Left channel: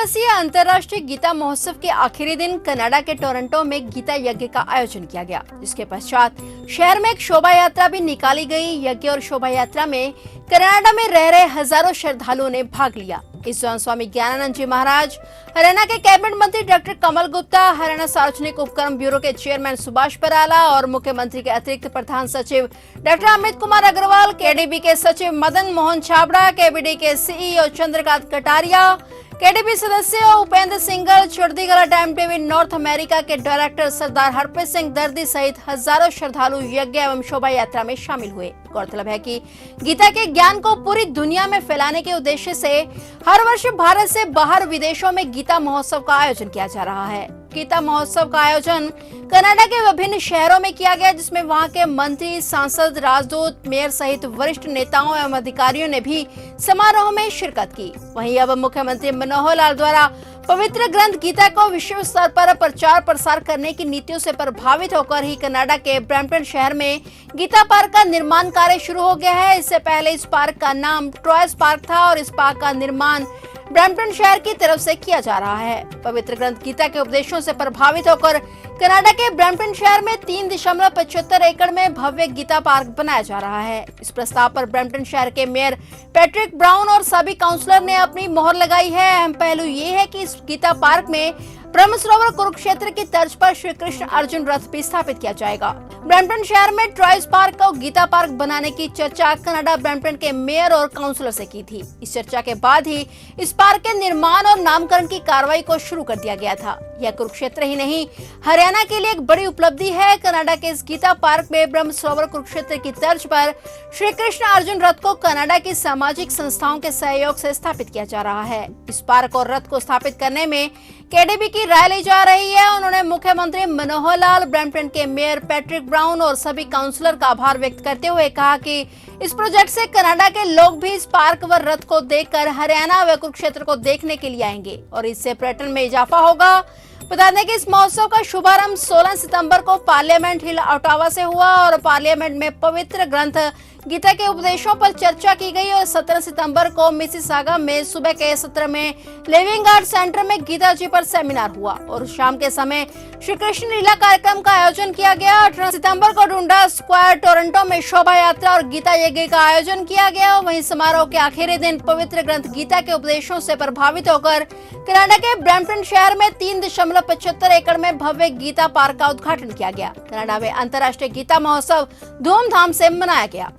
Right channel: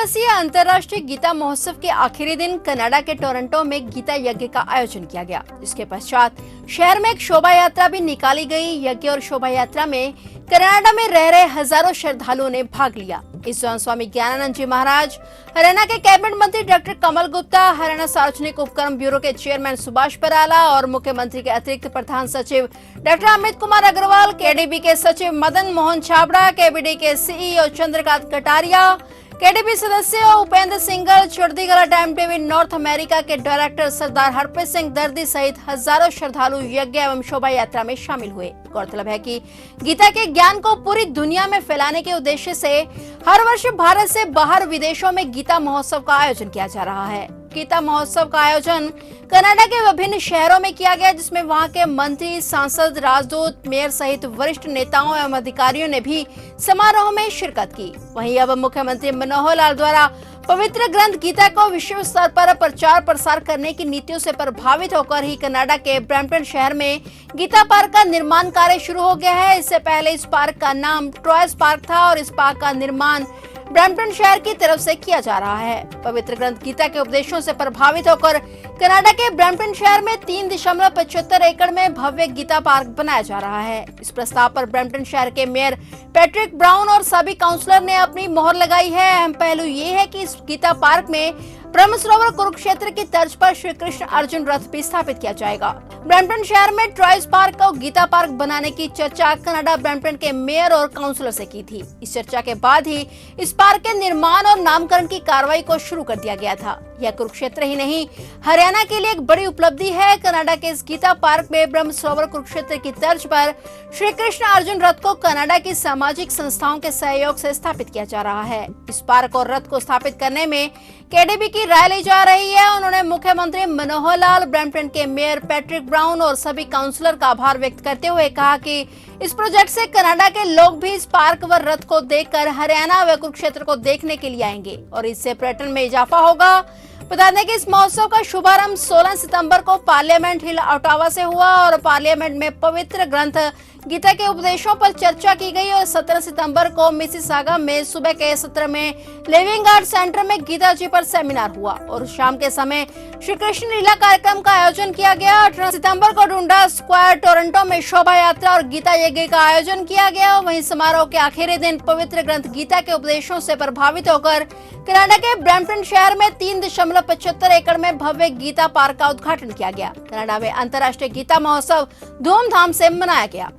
दिवसीय अंतर्राष्ट्रीय गीता महोत्सव के आखिरी दिन कनाडा के टोरंटो में गीता यज्ञ का आयोजन किया गया, जिसके पश्चात शहर में एक शोभा यात्रा भी निकाली गई। यज्ञ और शोभा यात्रा में कनाडा में रह रहे हजारों श्रद्धालुओं ने भाग लिया। इस दौरान स्वामी ज्ञानानंद जी महाराज, हरियाणा के कैबिनेट मंत्री डॉक्टर कमल गुप्ता, हरियाणा सार्वजनिक उपक्रम ब्यूरो के चेयरमैन सुभाष बराला और मुख्यमंत्री के अतिरिक्त प्रधान सचिव डॉक्टर अमित कुमार अग्रवाल, केडीबी के सचिव मदन मोहन छाबड़ा, केबीडी के सीईओ चंद्रकांत कटारिया, केडीबी सदस्य उपेंद्र सिंघल, चुड़दीगला टाइम टीवी नॉर्थ अमेरिका के डायरेक्टर सरदार हरप्रीत सिंह दर्दी सहित हजारों श्रद्धालु यज्ञ एवं शोभा यात्रा में शामिल हुए। गौरतलब है कि गीता के ज्ञान को पूरी दुनिया में फैलाने के उद्देश्य से हर वर्ष भारत से बाहर विदेशों में गीता महोत्सव का आयोजन किया जा रहा है। गीता महोत्सव का आयोजन कनाडा के विभिन्न शहरों में किया गया, जिसमें वहां के मंत्री, सांसद, राजदूत, मेयर सहित वरिष्ठ नेताओं एवं अधिकारियों ने भी समारोह में शिरकत की। वहीं अब मुख्यमंत्री मनोहर लाल द्वारा पवित्र ग्रंथ गीता को विश्व स्तर पर प्रचार प्रसार करने की नीतियों से प्रभावित होकर ही कनाडा के ब्रैम्पटन शहर में गीता पार्क का निर्माण कार्य शुरू हो गया है। इससे पहले इस पार्क का नाम ट्रॉयस पार्क था और इस पार्क का निर्माण ब्रैम्पटन शहर की तरफ से किया जा रहा है। पवित्र ग्रंथ गीता के उपदेशों से प्रभावित होकर कनाडा के ब्रैम्पटन शहर में 3.75 एकड़ में भव्य गीता पार्क बनाया जा रहा है। इस प्रस्ताव पर ब्रैम्पटन शहर के मेयर पैट्रिक ब्राउन और सभी काउंसलर ने अपनी मोहर लगाई है। अहम पहलू ये है कि इस गीता पार्क में ब्रह्म सरोवर कुरुक्षेत्र की तर्ज पर श्री कृष्ण अर्जुन रथ भी स्थापित किया जाएगा। ब्रैम्पटन शहर में ट्रॉयस पार्क को गीता पार्क बनाने की चर्चा कनाडा ब्रैम्पटन के मेयर और काउंसलर से की थी। इस चर्चा के बाद ही इस पार्क के निर्माण और नामकरण की कार्रवाई को शुरू कर दिया गया था। यह कुरुक्षेत्र ही नहीं, हरियाणा के लिए एक बड़ी उपलब्धि है। कनाडा के इस गीता पार्क में ब्रह्म सरोवर कुरुक्षेत्र की तर्ज पर श्री कृष्ण अर्जुन रथ को कनाडा की सामाजिक संस्थाओं के सहयोग से स्थापित किया जा रहा है। इस पार्क और रथ को स्थापित करने में केडीबी की राय ली जा रही है। उन्होंने मुख्यमंत्री मनोहर लाल, ब्रैम्पटन के मेयर पैट्रिक ब्राउन और सभी काउंसलर का आभार व्यक्त करते हुए कहा कि इस प्रोजेक्ट से कनाडा के लोग भी इस पार्क व रथ को देखकर हरियाणा व कुरुक्षेत्र को देखने के लिए आएंगे और इससे पर्यटन में इजाफा होगा। बता दें कि इस महोत्सव का शुभारंभ 16 सितंबर को पार्लियामेंट हिल ओटावा से हुआ और पार्लियामेंट में पवित्र ग्रंथ गीता के उपदेशों पर चर्चा की गई और 17 सितंबर को मिसिसागा में सुबह के सत्र में लिविंग आर्ट सेंटर में गीता जी पर सेमिनार हुआ और शाम के समय श्री कृष्ण लीला कार्यक्रम का आयोजन किया गया। 18 सितंबर को डुंडा स्क्वायर टोरंटो में शोभा यात्रा और गीता यज्ञ का आयोजन किया गया। वहीं समारोह के आखिरी दिन पवित्र ग्रंथ गीता के उपदेशों से प्रभावित होकर कनाडा के ब्रैम्पटन शहर में 3.75 एकड़ में भव्य गीता पार्क का उद्घाटन किया गया। कनाडा में अंतर्राष्ट्रीय गीता महोत्सव धूमधाम से मनाया गया।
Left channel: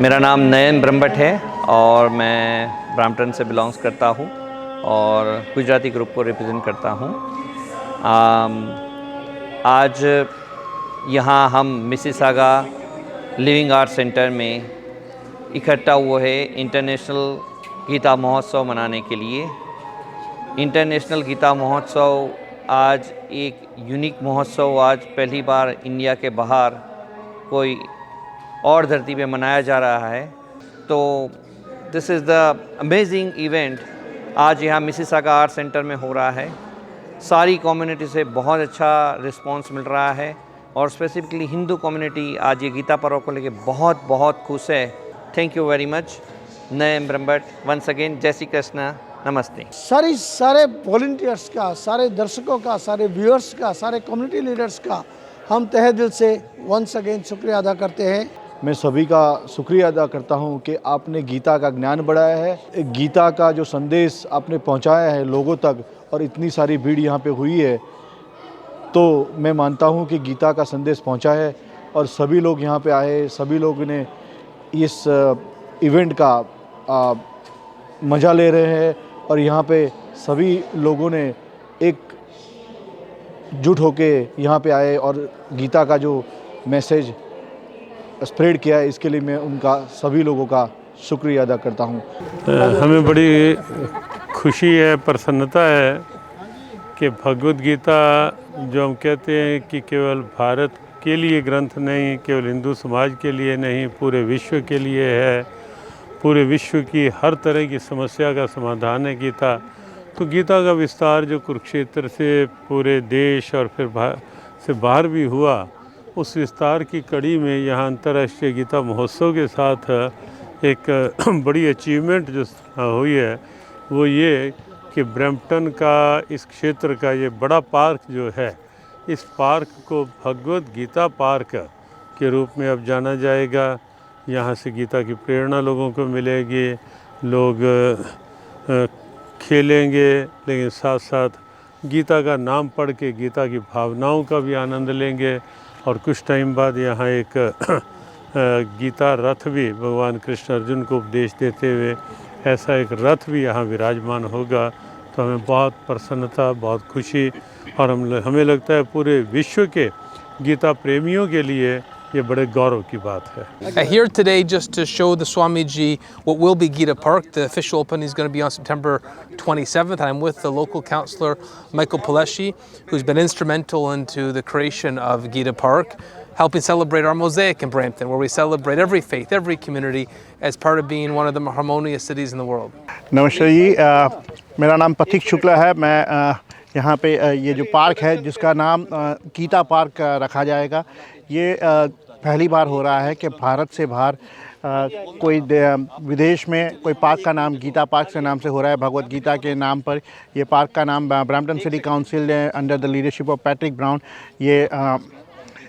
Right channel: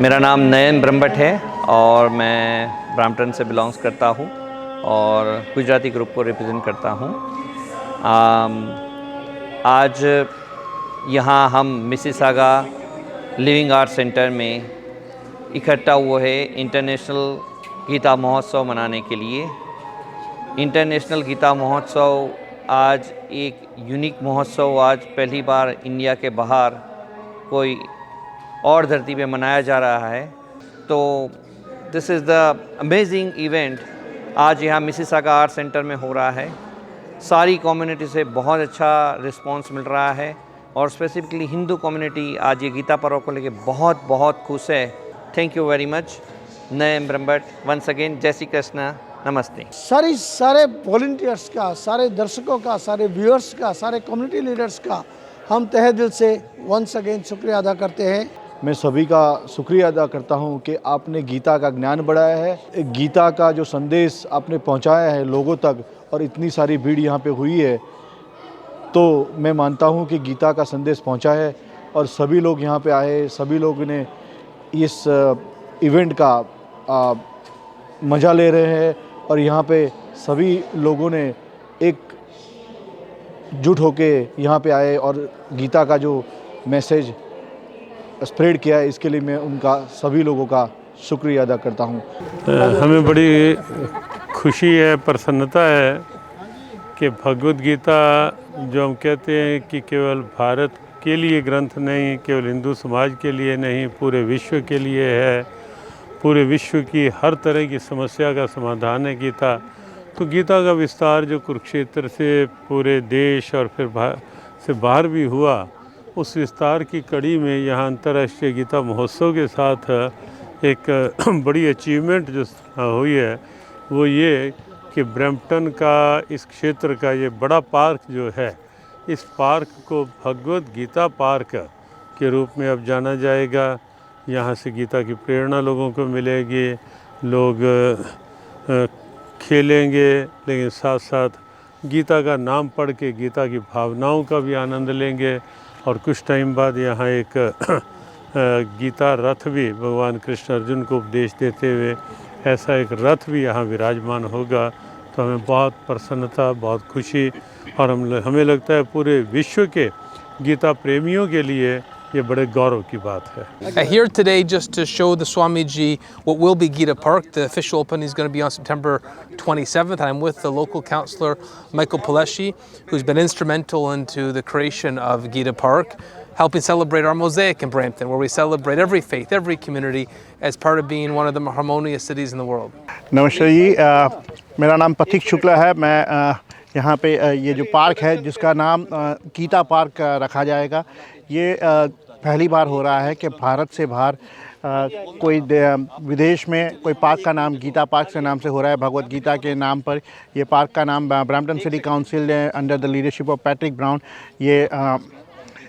मेरा नाम नयन ब्रह्मभट्ट है और मैं ब्रैम्पटन से बिलोंग्स करता हूँ और गुजराती ग्रुप को रिप्रेजेंट करता हूँ। आज यहाँ हम मिसिसागा लिविंग आर्ट सेंटर में इकट्ठा हुए हैं इंटरनेशनल गीता महोत्सव मनाने के लिए। इंटरनेशनल गीता महोत्सव आज एक यूनिक महोत्सव, आज पहली बार इंडिया के बाहर कोई और धरती पे मनाया जा रहा है। तो this is the amazing event आज यहाँ मिसिसागा आर्ट सेंटर में हो रहा है। सारी कम्युनिटी से बहुत अच्छा रिस्पांस मिल रहा है और स्पेसिफिकली हिंदू कम्युनिटी आज ये गीता पर्व को लेके बहुत बहुत खुश है। Thank you very much. Nayan Brahmbhatt, once again जय श्री कृष्ण, नमस्ते। सारे वॉलंटियर्स का, सारे दर्शकों का, सारे व्यूअर्स का, सारे कम्युनिटी लीडर्स का हम तहे दिल से वंस अगेन शुक्रिया अदा करते हैं। मैं सभी का शुक्रिया अदा करता हूं कि आपने गीता का ज्ञान बढ़ाया है, गीता का जो संदेश आपने पहुंचाया है लोगों तक और इतनी सारी भीड़ यहां पे हुई है, तो मैं मानता हूं कि गीता का संदेश पहुंचा है और सभी लोग यहां पे आए, सभी लोग ने इस इवेंट का मज़ा ले रहे हैं और यहां पे सभी लोगों ने एक जुट होके यहाँ पे आए और गीता का जो मैसेज स्प्रेड किया है, इसके लिए मैं उनका सभी लोगों का शुक्रिया अदा करता हूँ। हमें बड़ी खुशी है, प्रसन्नता है कि भगवद गीता जो हम कहते हैं कि केवल भारत के लिए ग्रंथ नहीं, केवल हिंदू समाज के लिए नहीं, पूरे विश्व के लिए है। पूरे विश्व की हर तरह की समस्या का समाधान है गीता। तो गीता का विस्तार जो कुरुक्षेत्र से पूरे देश और फिर से बाहर भी हुआ, उस विस्तार की कड़ी में यहाँ अंतर्राष्ट्रीय गीता महोत्सव के साथ एक बड़ी अचीवमेंट जो हुई है वो ये कि ब्रैम्पटन का इस क्षेत्र का ये बड़ा पार्क जो है, इस पार्क को भगवत गीता पार्क के रूप में अब जाना जाएगा। यहाँ से गीता की प्रेरणा लोगों को मिलेगी, लोग खेलेंगे, लेकिन साथ साथ गीता का नाम पढ़ के गीता की भावनाओं का भी आनंद लेंगे। और कुछ टाइम बाद यहाँ एक गीता रथ भी भगवान कृष्ण अर्जुन को उपदेश देते हुए ऐसा एक रथ भी यहाँ विराजमान होगा। तो हमें बहुत प्रसन्नता, बहुत खुशी और हमें लगता है पूरे विश्व के गीता प्रेमियों के लिए ये बड़े गौरव की बात है। Here today just to show the Swamiji what will be Gita Park. The official opening is going to be on September 27th. I'm with the local councillor Michael Pileshi, who's been instrumental into the creation of Gita Park, helping celebrate our mosaic in Brampton, where we celebrate every faith, every community as part of being one of the more harmonious cities in the world. नमस्ते जी, मेरा नाम पथिक शुक्ला है। मैं यहाँ पे ये जो पार्क है जिसका नाम गीता पार्क रखा जाएगा, ये पहली बार हो रहा है कि भारत से बाहर कोई विदेश में कोई पार्क का नाम गीता पार्क से नाम से हो रहा है। भगवत गीता के नाम पर ये पार्क का नाम ब्रैम्पटन सिटी काउंसिल ने under the leadership of Patrick brown ये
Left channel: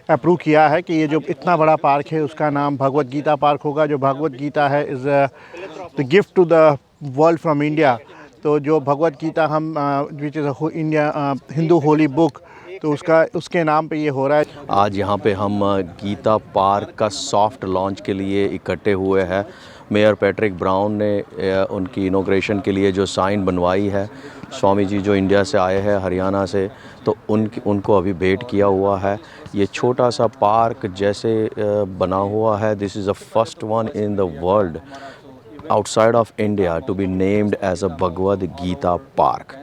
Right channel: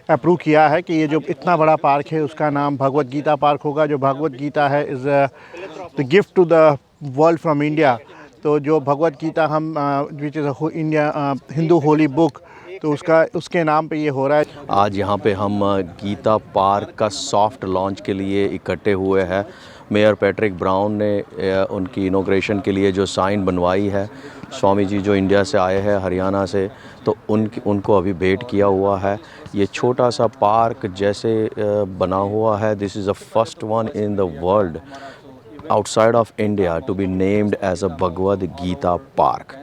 अप्रूव किया है कि ये जो इतना बड़ा पार्क है उसका नाम भगवत गीता पार्क होगा। जो भगवत गीता है is the gift to the world from India. तो जो भगवत गीता हम which is India Hindu holy book, तो उसके नाम पे ये हो रहा है। आज यहाँ पे हम गीता पार्क का सॉफ्ट लॉन्च के लिए इकट्ठे हुए हैं। मेयर पैट्रिक ब्राउन ने उनकी इनॉग्रेशन के लिए जो साइन बनवाई है, स्वामी जी जो इंडिया से आए हैं हरियाणा से, तो उनको अभी भेंट किया हुआ है। ये छोटा सा पार्क जैसे बना हुआ है, this is the first one in the world outside of India to be named as a Bhagavad Gita park.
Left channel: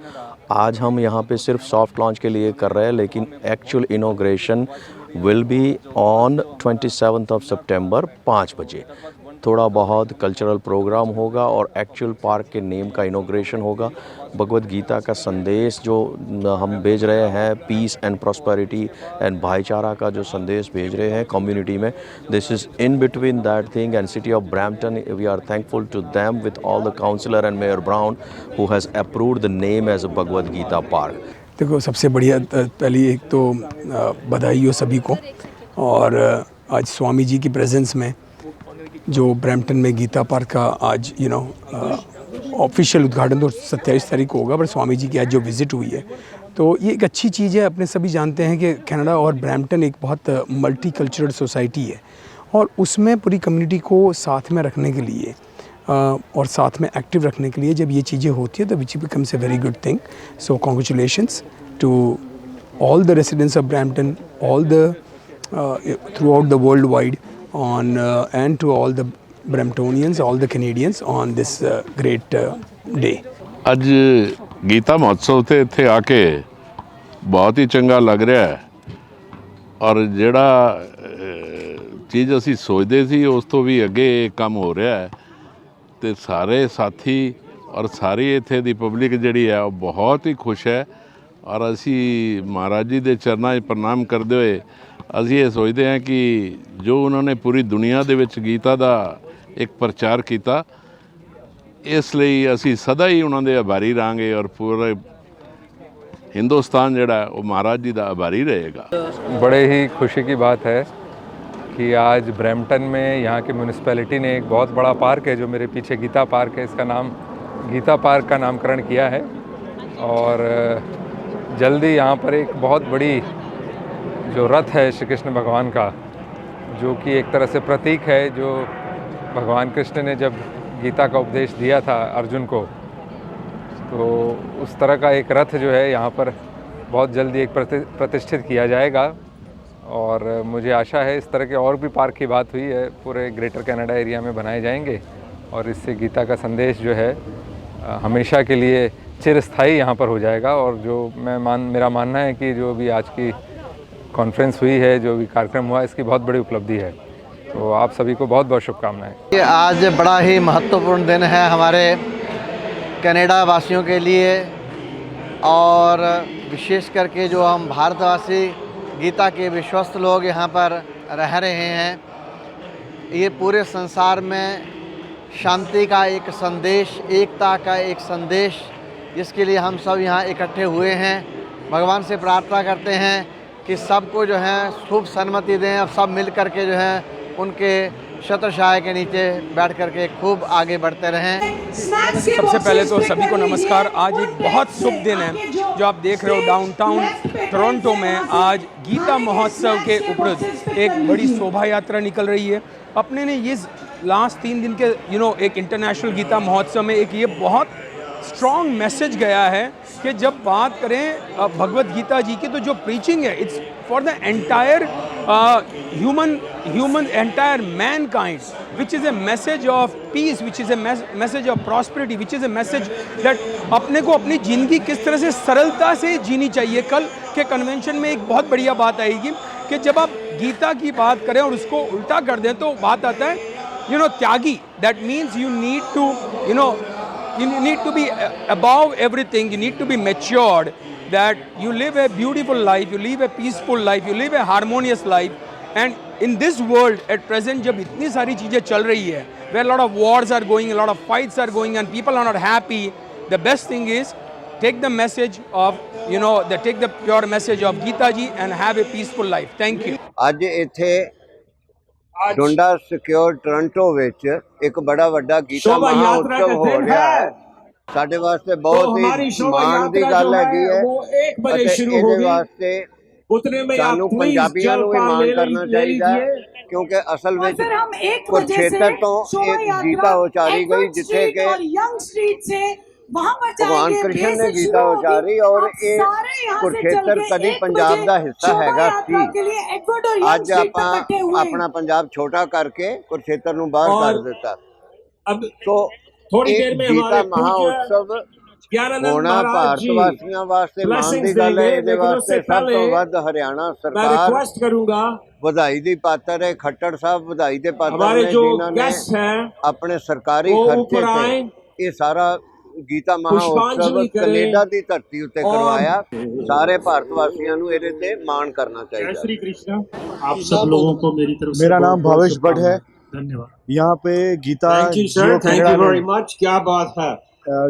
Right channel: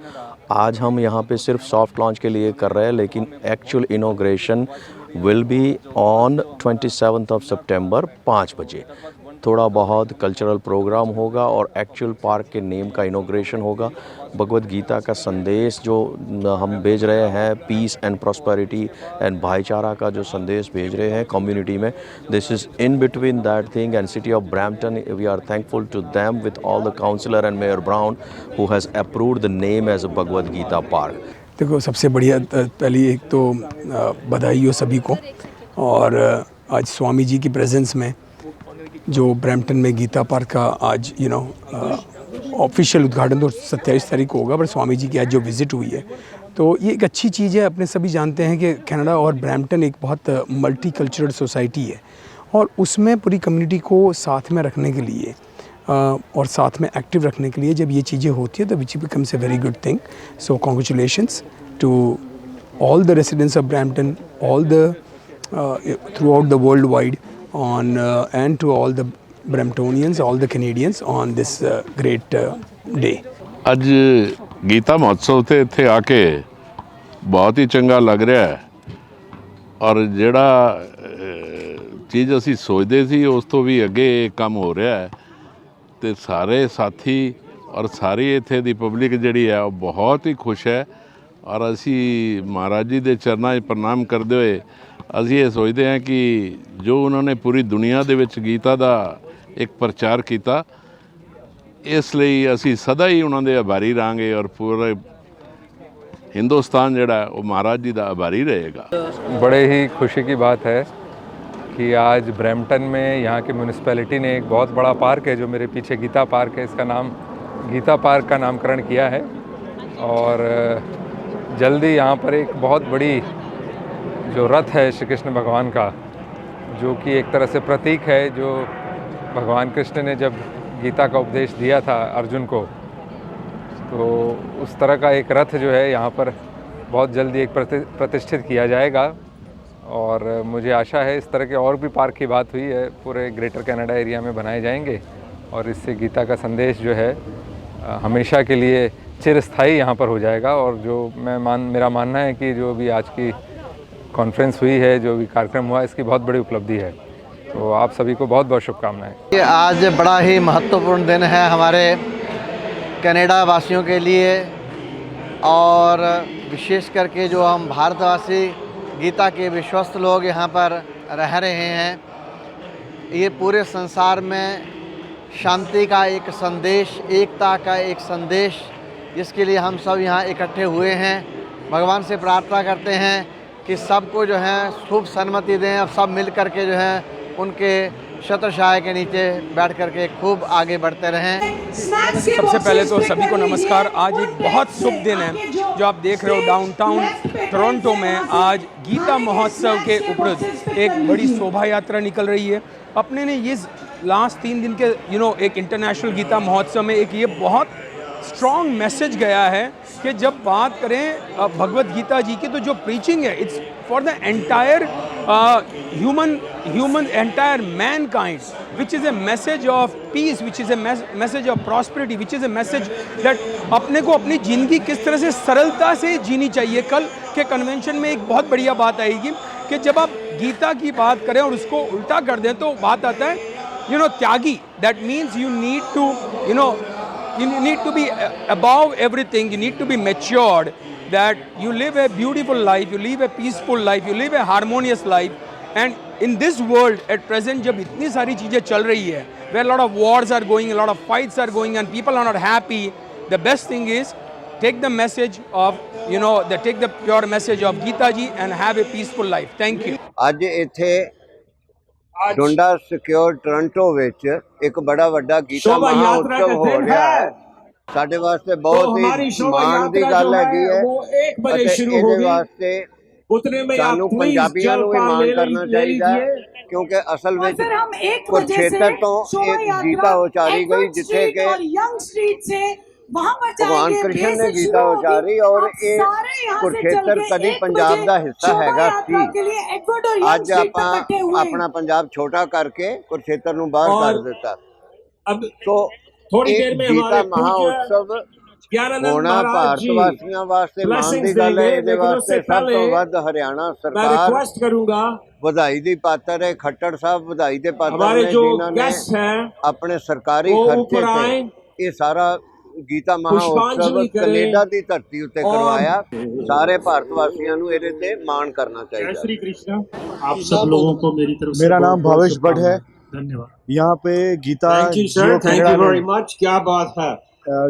आज हम यहाँ पे सिर्फ सॉफ्ट लॉन्च के लिए कर रहे हैं, लेकिन actual inauguration will be on 27 of सितंबर 5 बजे। थोड़ा बहुत कल्चरल प्रोग्राम होगा और एक्चुअल पार्क के नेम का इनॉग्रेशन होगा। भगवद गीता का संदेश जो हम भेज रहे हैं, पीस एंड प्रॉस्पेरिटी एंड भाईचारा का जो संदेश भेज रहे हैं कम्युनिटी में, this is in between that thing and city of Brampton. We are thankful to them with all the councillor and mayor Brown who has approved the name as a Bhagavad Gita park. देखो, सबसे बढ़िया पहली एक तो बधाई हो सभी को, और आज स्वामी जी की प्रेजेंस में जो ब्रैम्पटन में गीता पार्क का आज ऑफिशियल उद्घाटन तो 27 तारीख को होगा, पर स्वामी जी की आज जो विज़िट हुई है तो ये एक अच्छी चीज़ है। अपने सभी जानते हैं कि कनाडा और ब्रैम्पटन एक बहुत मल्टी कल्चरल सोसाइटी है, और उसमें पूरी कम्युनिटी को साथ में रखने के लिए और साथ में एक्टिव रखने के लिए जब ये चीज़ें होती है तो which becomes a very good thing. So congratulations to all the residents of Brampton, all the throughout the world wide on and to all the Bramptonians, all the Canadians on this great day. ਅੱਜ ਗੀਤਾ ਮਹੋਤਸਵ ਤੇ ਇੱਥੇ ਆ ਕੇ ਬਹੁਤ ਹੀ ਚੰਗਾ ਲੱਗ ਰਿਹਾ ਹੈ, ਔਰ ਜਿਹੜਾ ਚੀਜ਼ ਅਸੀਂ ਸੋਚਦੇ ਸੀ ਉਸ ਤੋਂ ਵੀ ਅੱਗੇ ਕੰਮ ਹੋ ਰਿਹਾ ਹੈ, ਤੇ ਸਾਰੇ ਸਾਥੀ ਔਰ ਸਾਰੀ ਇੱਥੇ ਦੀ ਪਬਲਿਕ ਜਿਹੜੀ ਹੈ ਉਹ ਬਹੁਤ ਹੀ ਖੁਸ਼ ਹੈ। ਔਰ ਅਸੀਂ ਮਹਾਰਾਜ ਜੀ ਦੇ ਚਰਨਾਂ 'ਚ ਪ੍ਰਣਾਮ ਕਰਦੇ ਹੋਏ ਅਸੀਂ ਇਹ ਸੋਚਦੇ ਹਾਂ ਕਿ ਜੋ ਉਹਨਾਂ ਨੇ ਪੂਰੀ ਦੁਨੀਆ ਦੇ ਵਿੱਚ ਗੀਤਾ ਦਾ ਇੱਕ ਪ੍ਰਚਾਰ ਕੀਤਾ, ਇਸ ਲਈ ਅਸੀਂ ਸਦਾ ਹੀ ਉਹਨਾਂ ਦੇ ਆਭਾਰੀ ਰਹਾਂਗੇ, ਔਰ ਪੂਰੇ हिंदुस्तान जड़ा है वो महाराज जी का आभारी रहेगा। बड़े ही खुशी की बात है कि आज ब्रैम्पटन में यहाँ की म्यूनिसिपैलिटी ने एक बहुत बड़ा पार्क है जो मेरे पीछे गीता पार्क है, इसका नाम गीता पार्क का नामकरण किया है, और जल्दी यहाँ पर एक बहुत बड़ी जो रथ है श्री कृष्ण भगवान का, जो कि एक तरह से प्रतीक है, जो भगवान कृष्ण ने जब गीता का उपदेश दिया था अर्जुन को, तो उस तरह का एक रथ जो है यहाँ पर बहुत जल्दी एक प्रतिष्ठित किया जाएगा। और मुझे आशा है इस तरह के और भी पार्क की बात हुई है पूरे ग्रेटर कनाडा एरिया में बनाए जाएंगे, और इससे गीता का संदेश जो है हमेशा के लिए चिरस्थायी यहाँ पर हो जाएगा। और जो मेरा मानना है कि जो भी आज की कॉन्फ्रेंस हुई है, जो भी कार्यक्रम हुआ, इसकी बहुत बड़ी उपलब्धि है। तो आप सभी को बहुत बहुत शुभकामनाएं। ये आज बड़ा ही महत्वपूर्ण दिन है हमारे कनाडा वासियों के लिए, और विशेष करके जो हम भारतवासी गीता के विश्वस्त लोग यहाँ पर रह रहे हैं, ये पूरे संसार में शांति का एक संदेश, एकता का एक संदेश जिसके लिए हम सब यहाँ इकट्ठे हुए हैं। भगवान से प्रार्थना करते हैं कि सबको जो है शुभ सन्मति दें, अब सब मिल कर के जो है उनके छत्रछाया के नीचे बैठ कर के खूब आगे बढ़ते रहें। सबसे पहले तो सभी को नमस्कार। आज एक बहुत शुभ दिन है जो आप देख रहे हो डाउनटाउन टोरंटो में आज गीता महोत्सव के उपरांत एक बड़ी शोभा यात्रा निकल रही है। अपने ने ये लास्ट 3 दिन के एक इंटरनेशनल गीता महोत्सव में एक ये बहुत स्ट्रॉन्ग मैसेज गया है कि जब बात करें भगवत गीता जी की तो जो प्रीचिंग है it's for the entire human entire mankind, which is a message of peace, which is a message of prosperity, which is a message that अपने को अपनी ज़िंदगी किस तरह से सरलता से जीनी चाहिए। कल के कन्वेंशन में एक बहुत बढ़िया बात आएगी कि जब आप गीता की बात करें और उसको उल्टा कर दें तो बात आता है त्यागी। That means you need to be above everything, you need to be matured, that you live a beautiful life, you live a peaceful life, you live a harmonious life. And in this world at present जब इतनी सारी चीज़ें चल रही है, where a lot of wars are going, a lot of fights are going and people are not happy, the best thing is take the message of take the pure message of Gita ji and have a peaceful life. Thank you. ਅੱਜ ਇੱਥੇ ਡੁੰਡਾ secure Toronto ਵਿੱਚ ਇੱਕ ਬੜਾ ਵੱਡਾ ਗੀਤਾ ਮਹਾਉਤਸਵ ਹੋ ਰਿਹਾ ਹੈ। ਸਾਡੇ ਵਾਸਤੇ ਬਹੁਤ ਹੀ ਮਾਣ ਦੀ ਗੱਲ ਹੈਗੀ ਹੈ ਅਤੇ ਇਹਦੇ ਵਾਸਤੇ ਸਾਨੂੰ ਪੰਜਾਬੀਆਂ ਨੂੰ ਵੀ ਮਾਣ ਕਰਨਾ ਚਾਹੀਦਾ ਹੈ क्योंकि असल में कुरुक्षेत्र तो एक गीता उचारी गई जिथे के भगवान कृष्ण ने गीता उचारी और ये कुरुक्षेत्र कभी पंजाब का हिस्सा हैगा सी। अज अपना पंजाब छोटा करके कुरुक्षेत्र नूं बाहर कर दिता। तो गीता महोत्सव होना भारत वासियों वास्ते मान की गल है। इहदे वास्ते सब तो वध हरियाणा सरकार बधाई दी पात्र है। खट्टर साहब बधाई दे पात्र ने जिन्होंने अपने सरकारी खर्चे से ये सारा गीता महोत्सव कनेडा की धरती उत्ते करवाया। सारे भारत वासियों को इहदे ते मान करना चाहिए। श्री कृष्ण आप सब लोगों को मेरी तरफ से मेरा नाम भावेश भट्ट है। धन्यवाद। यहाँ पे Gita thank you very much. क्या बात है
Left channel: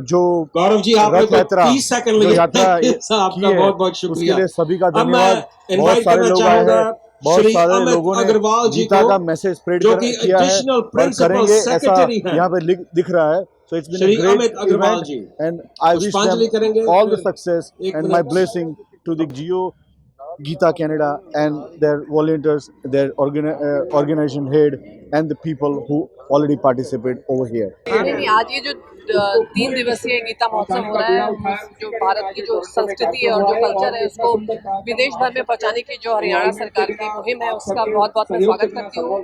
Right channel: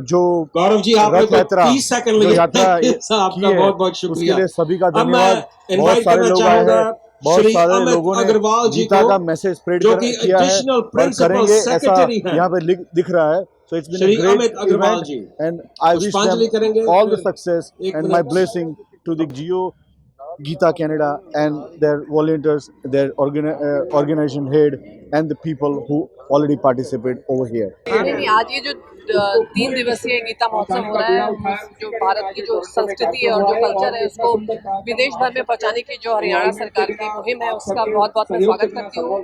जो गौरव जी आपने 30 सेकंड लिए यात्रा आपका बहुत बहुत शुक्रिया। उसके लिए सभी का धन्यवाद। बहुत सारे लोग आए हैं, बहुत सारे लोगों ने गीता का मैसेज स्प्रेड किया है और करेंगे ऐसा यहाँ पे दिख रहा है। So it's been a great event and I wish them all the success and my blessing to the Geo Gita Canada and their volunteers, their organization head and the people who already participate over here. आज ये जो 3 दिवसीय गीता महोत्सव हो रहा है, जो भारत की जो संस्कृति है और जो कल्चर है उसको विदेश भर में पहुंचाने की जो हरियाणा सरकार की मुहिम है उसका बहुत बहुत मैं स्वागत करती हूँ।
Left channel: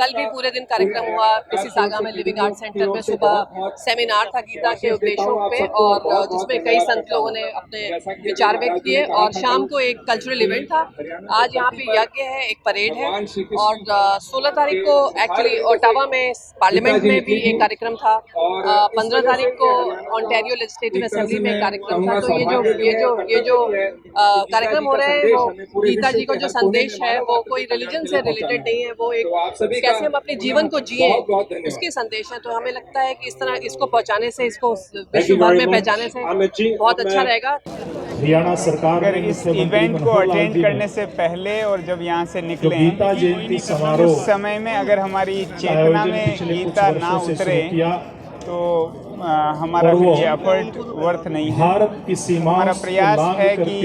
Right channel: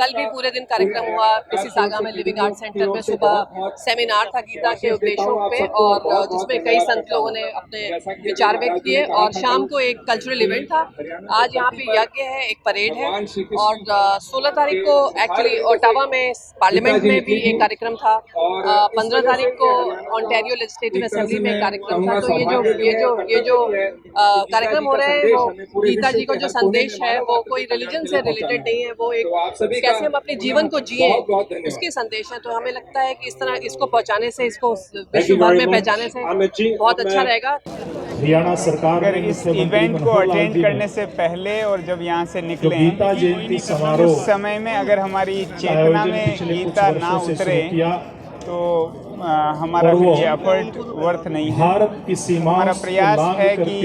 कल भी पूरे दिन कार्यक्रम हुआ मिसिसागा में लिविंग आर्ट सेंटर में। सुबह सेमिनार था गीता के उपदेशों पे और जिसमें कई संत लोगों ने अपने विचार व्यक्त किए और शाम को एक कल्चरल इवेंट था। आज यहाँ पे यज्ञ है, एक परेड है और 16 तारीख को एक्चुअली ओटावा में पार्लियामेंट में भी एक कार्यक्रम था। 15 तारीख को ऑन्टेरियो लेजिस्लेटिव असेंबली में कार्यक्रम था। तो ये जो कार्यक्रम हो रहे हैं वो गीता जी का जो संदेश है वो कोई रिलीजन से रिलेटेड नहीं है, वो एक कैसे हम अपने जीवन को जिए उसके संदेश है। तो हमें लगता है कि इस तरह इसको पहुंचाने से, इसको विश्व भर में पहचाने से बहुत अच्छा रहेगा। हरियाणा सरकार अगर इस इवेंट को अटेंड करने से पहले और जब यहाँ से निकले गीता जयंती समारोह उस समय में अगर हमारी चेतना में गीता ना उतरे तो हमारा ये एफर्ट वर्थ नहीं है। हमारा प्रयास है कि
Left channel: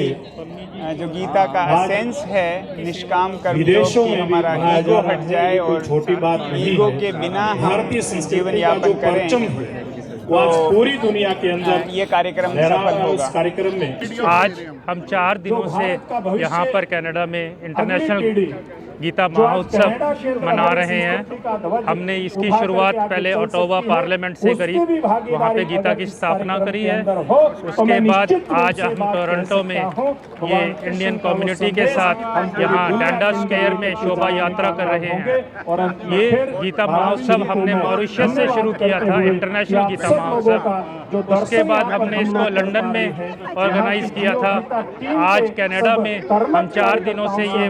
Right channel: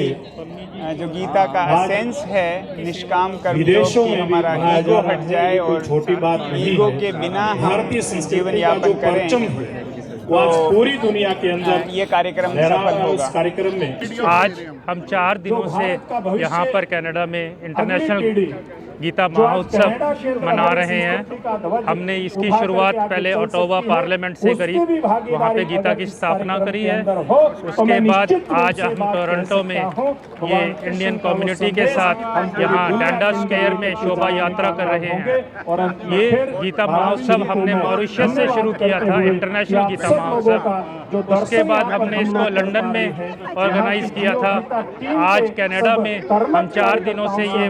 जो गीता का एसेंस है निष्काम कर्म योग की, हमारा ईगो हट जाए और ईगो के बिना हम जीवन यापन करें। आज पूरी दुनिया के अंदर ये कार्यक्रम सफल होगा। इस कार्यक्रम में आज हम 4 दिनों से यहाँ पर कनाडा में इंटरनेशनल गीता महोत्सव मना रहे हैं। हमने इसकी शुरुआत पहले ओटावा पार्लियामेंट से करी, वहाँ पे गीता की स्थापना करी है। उसके बाद आज हम टोरंटो में ये इंडियन कम्युनिटी के साथ यहाँ डंडा स्क्वायर में शोभा यात्रा कर रहे हैं। ये गीता महोत्सव हमने मॉरिशस से शुरू किया था, इंटरनेशनल गीता महोत्सव। उसके बाद हमने इसको लंदन में ऑर्गेनाइज किया था। आज कनाडा में हम 4 दिनों से ये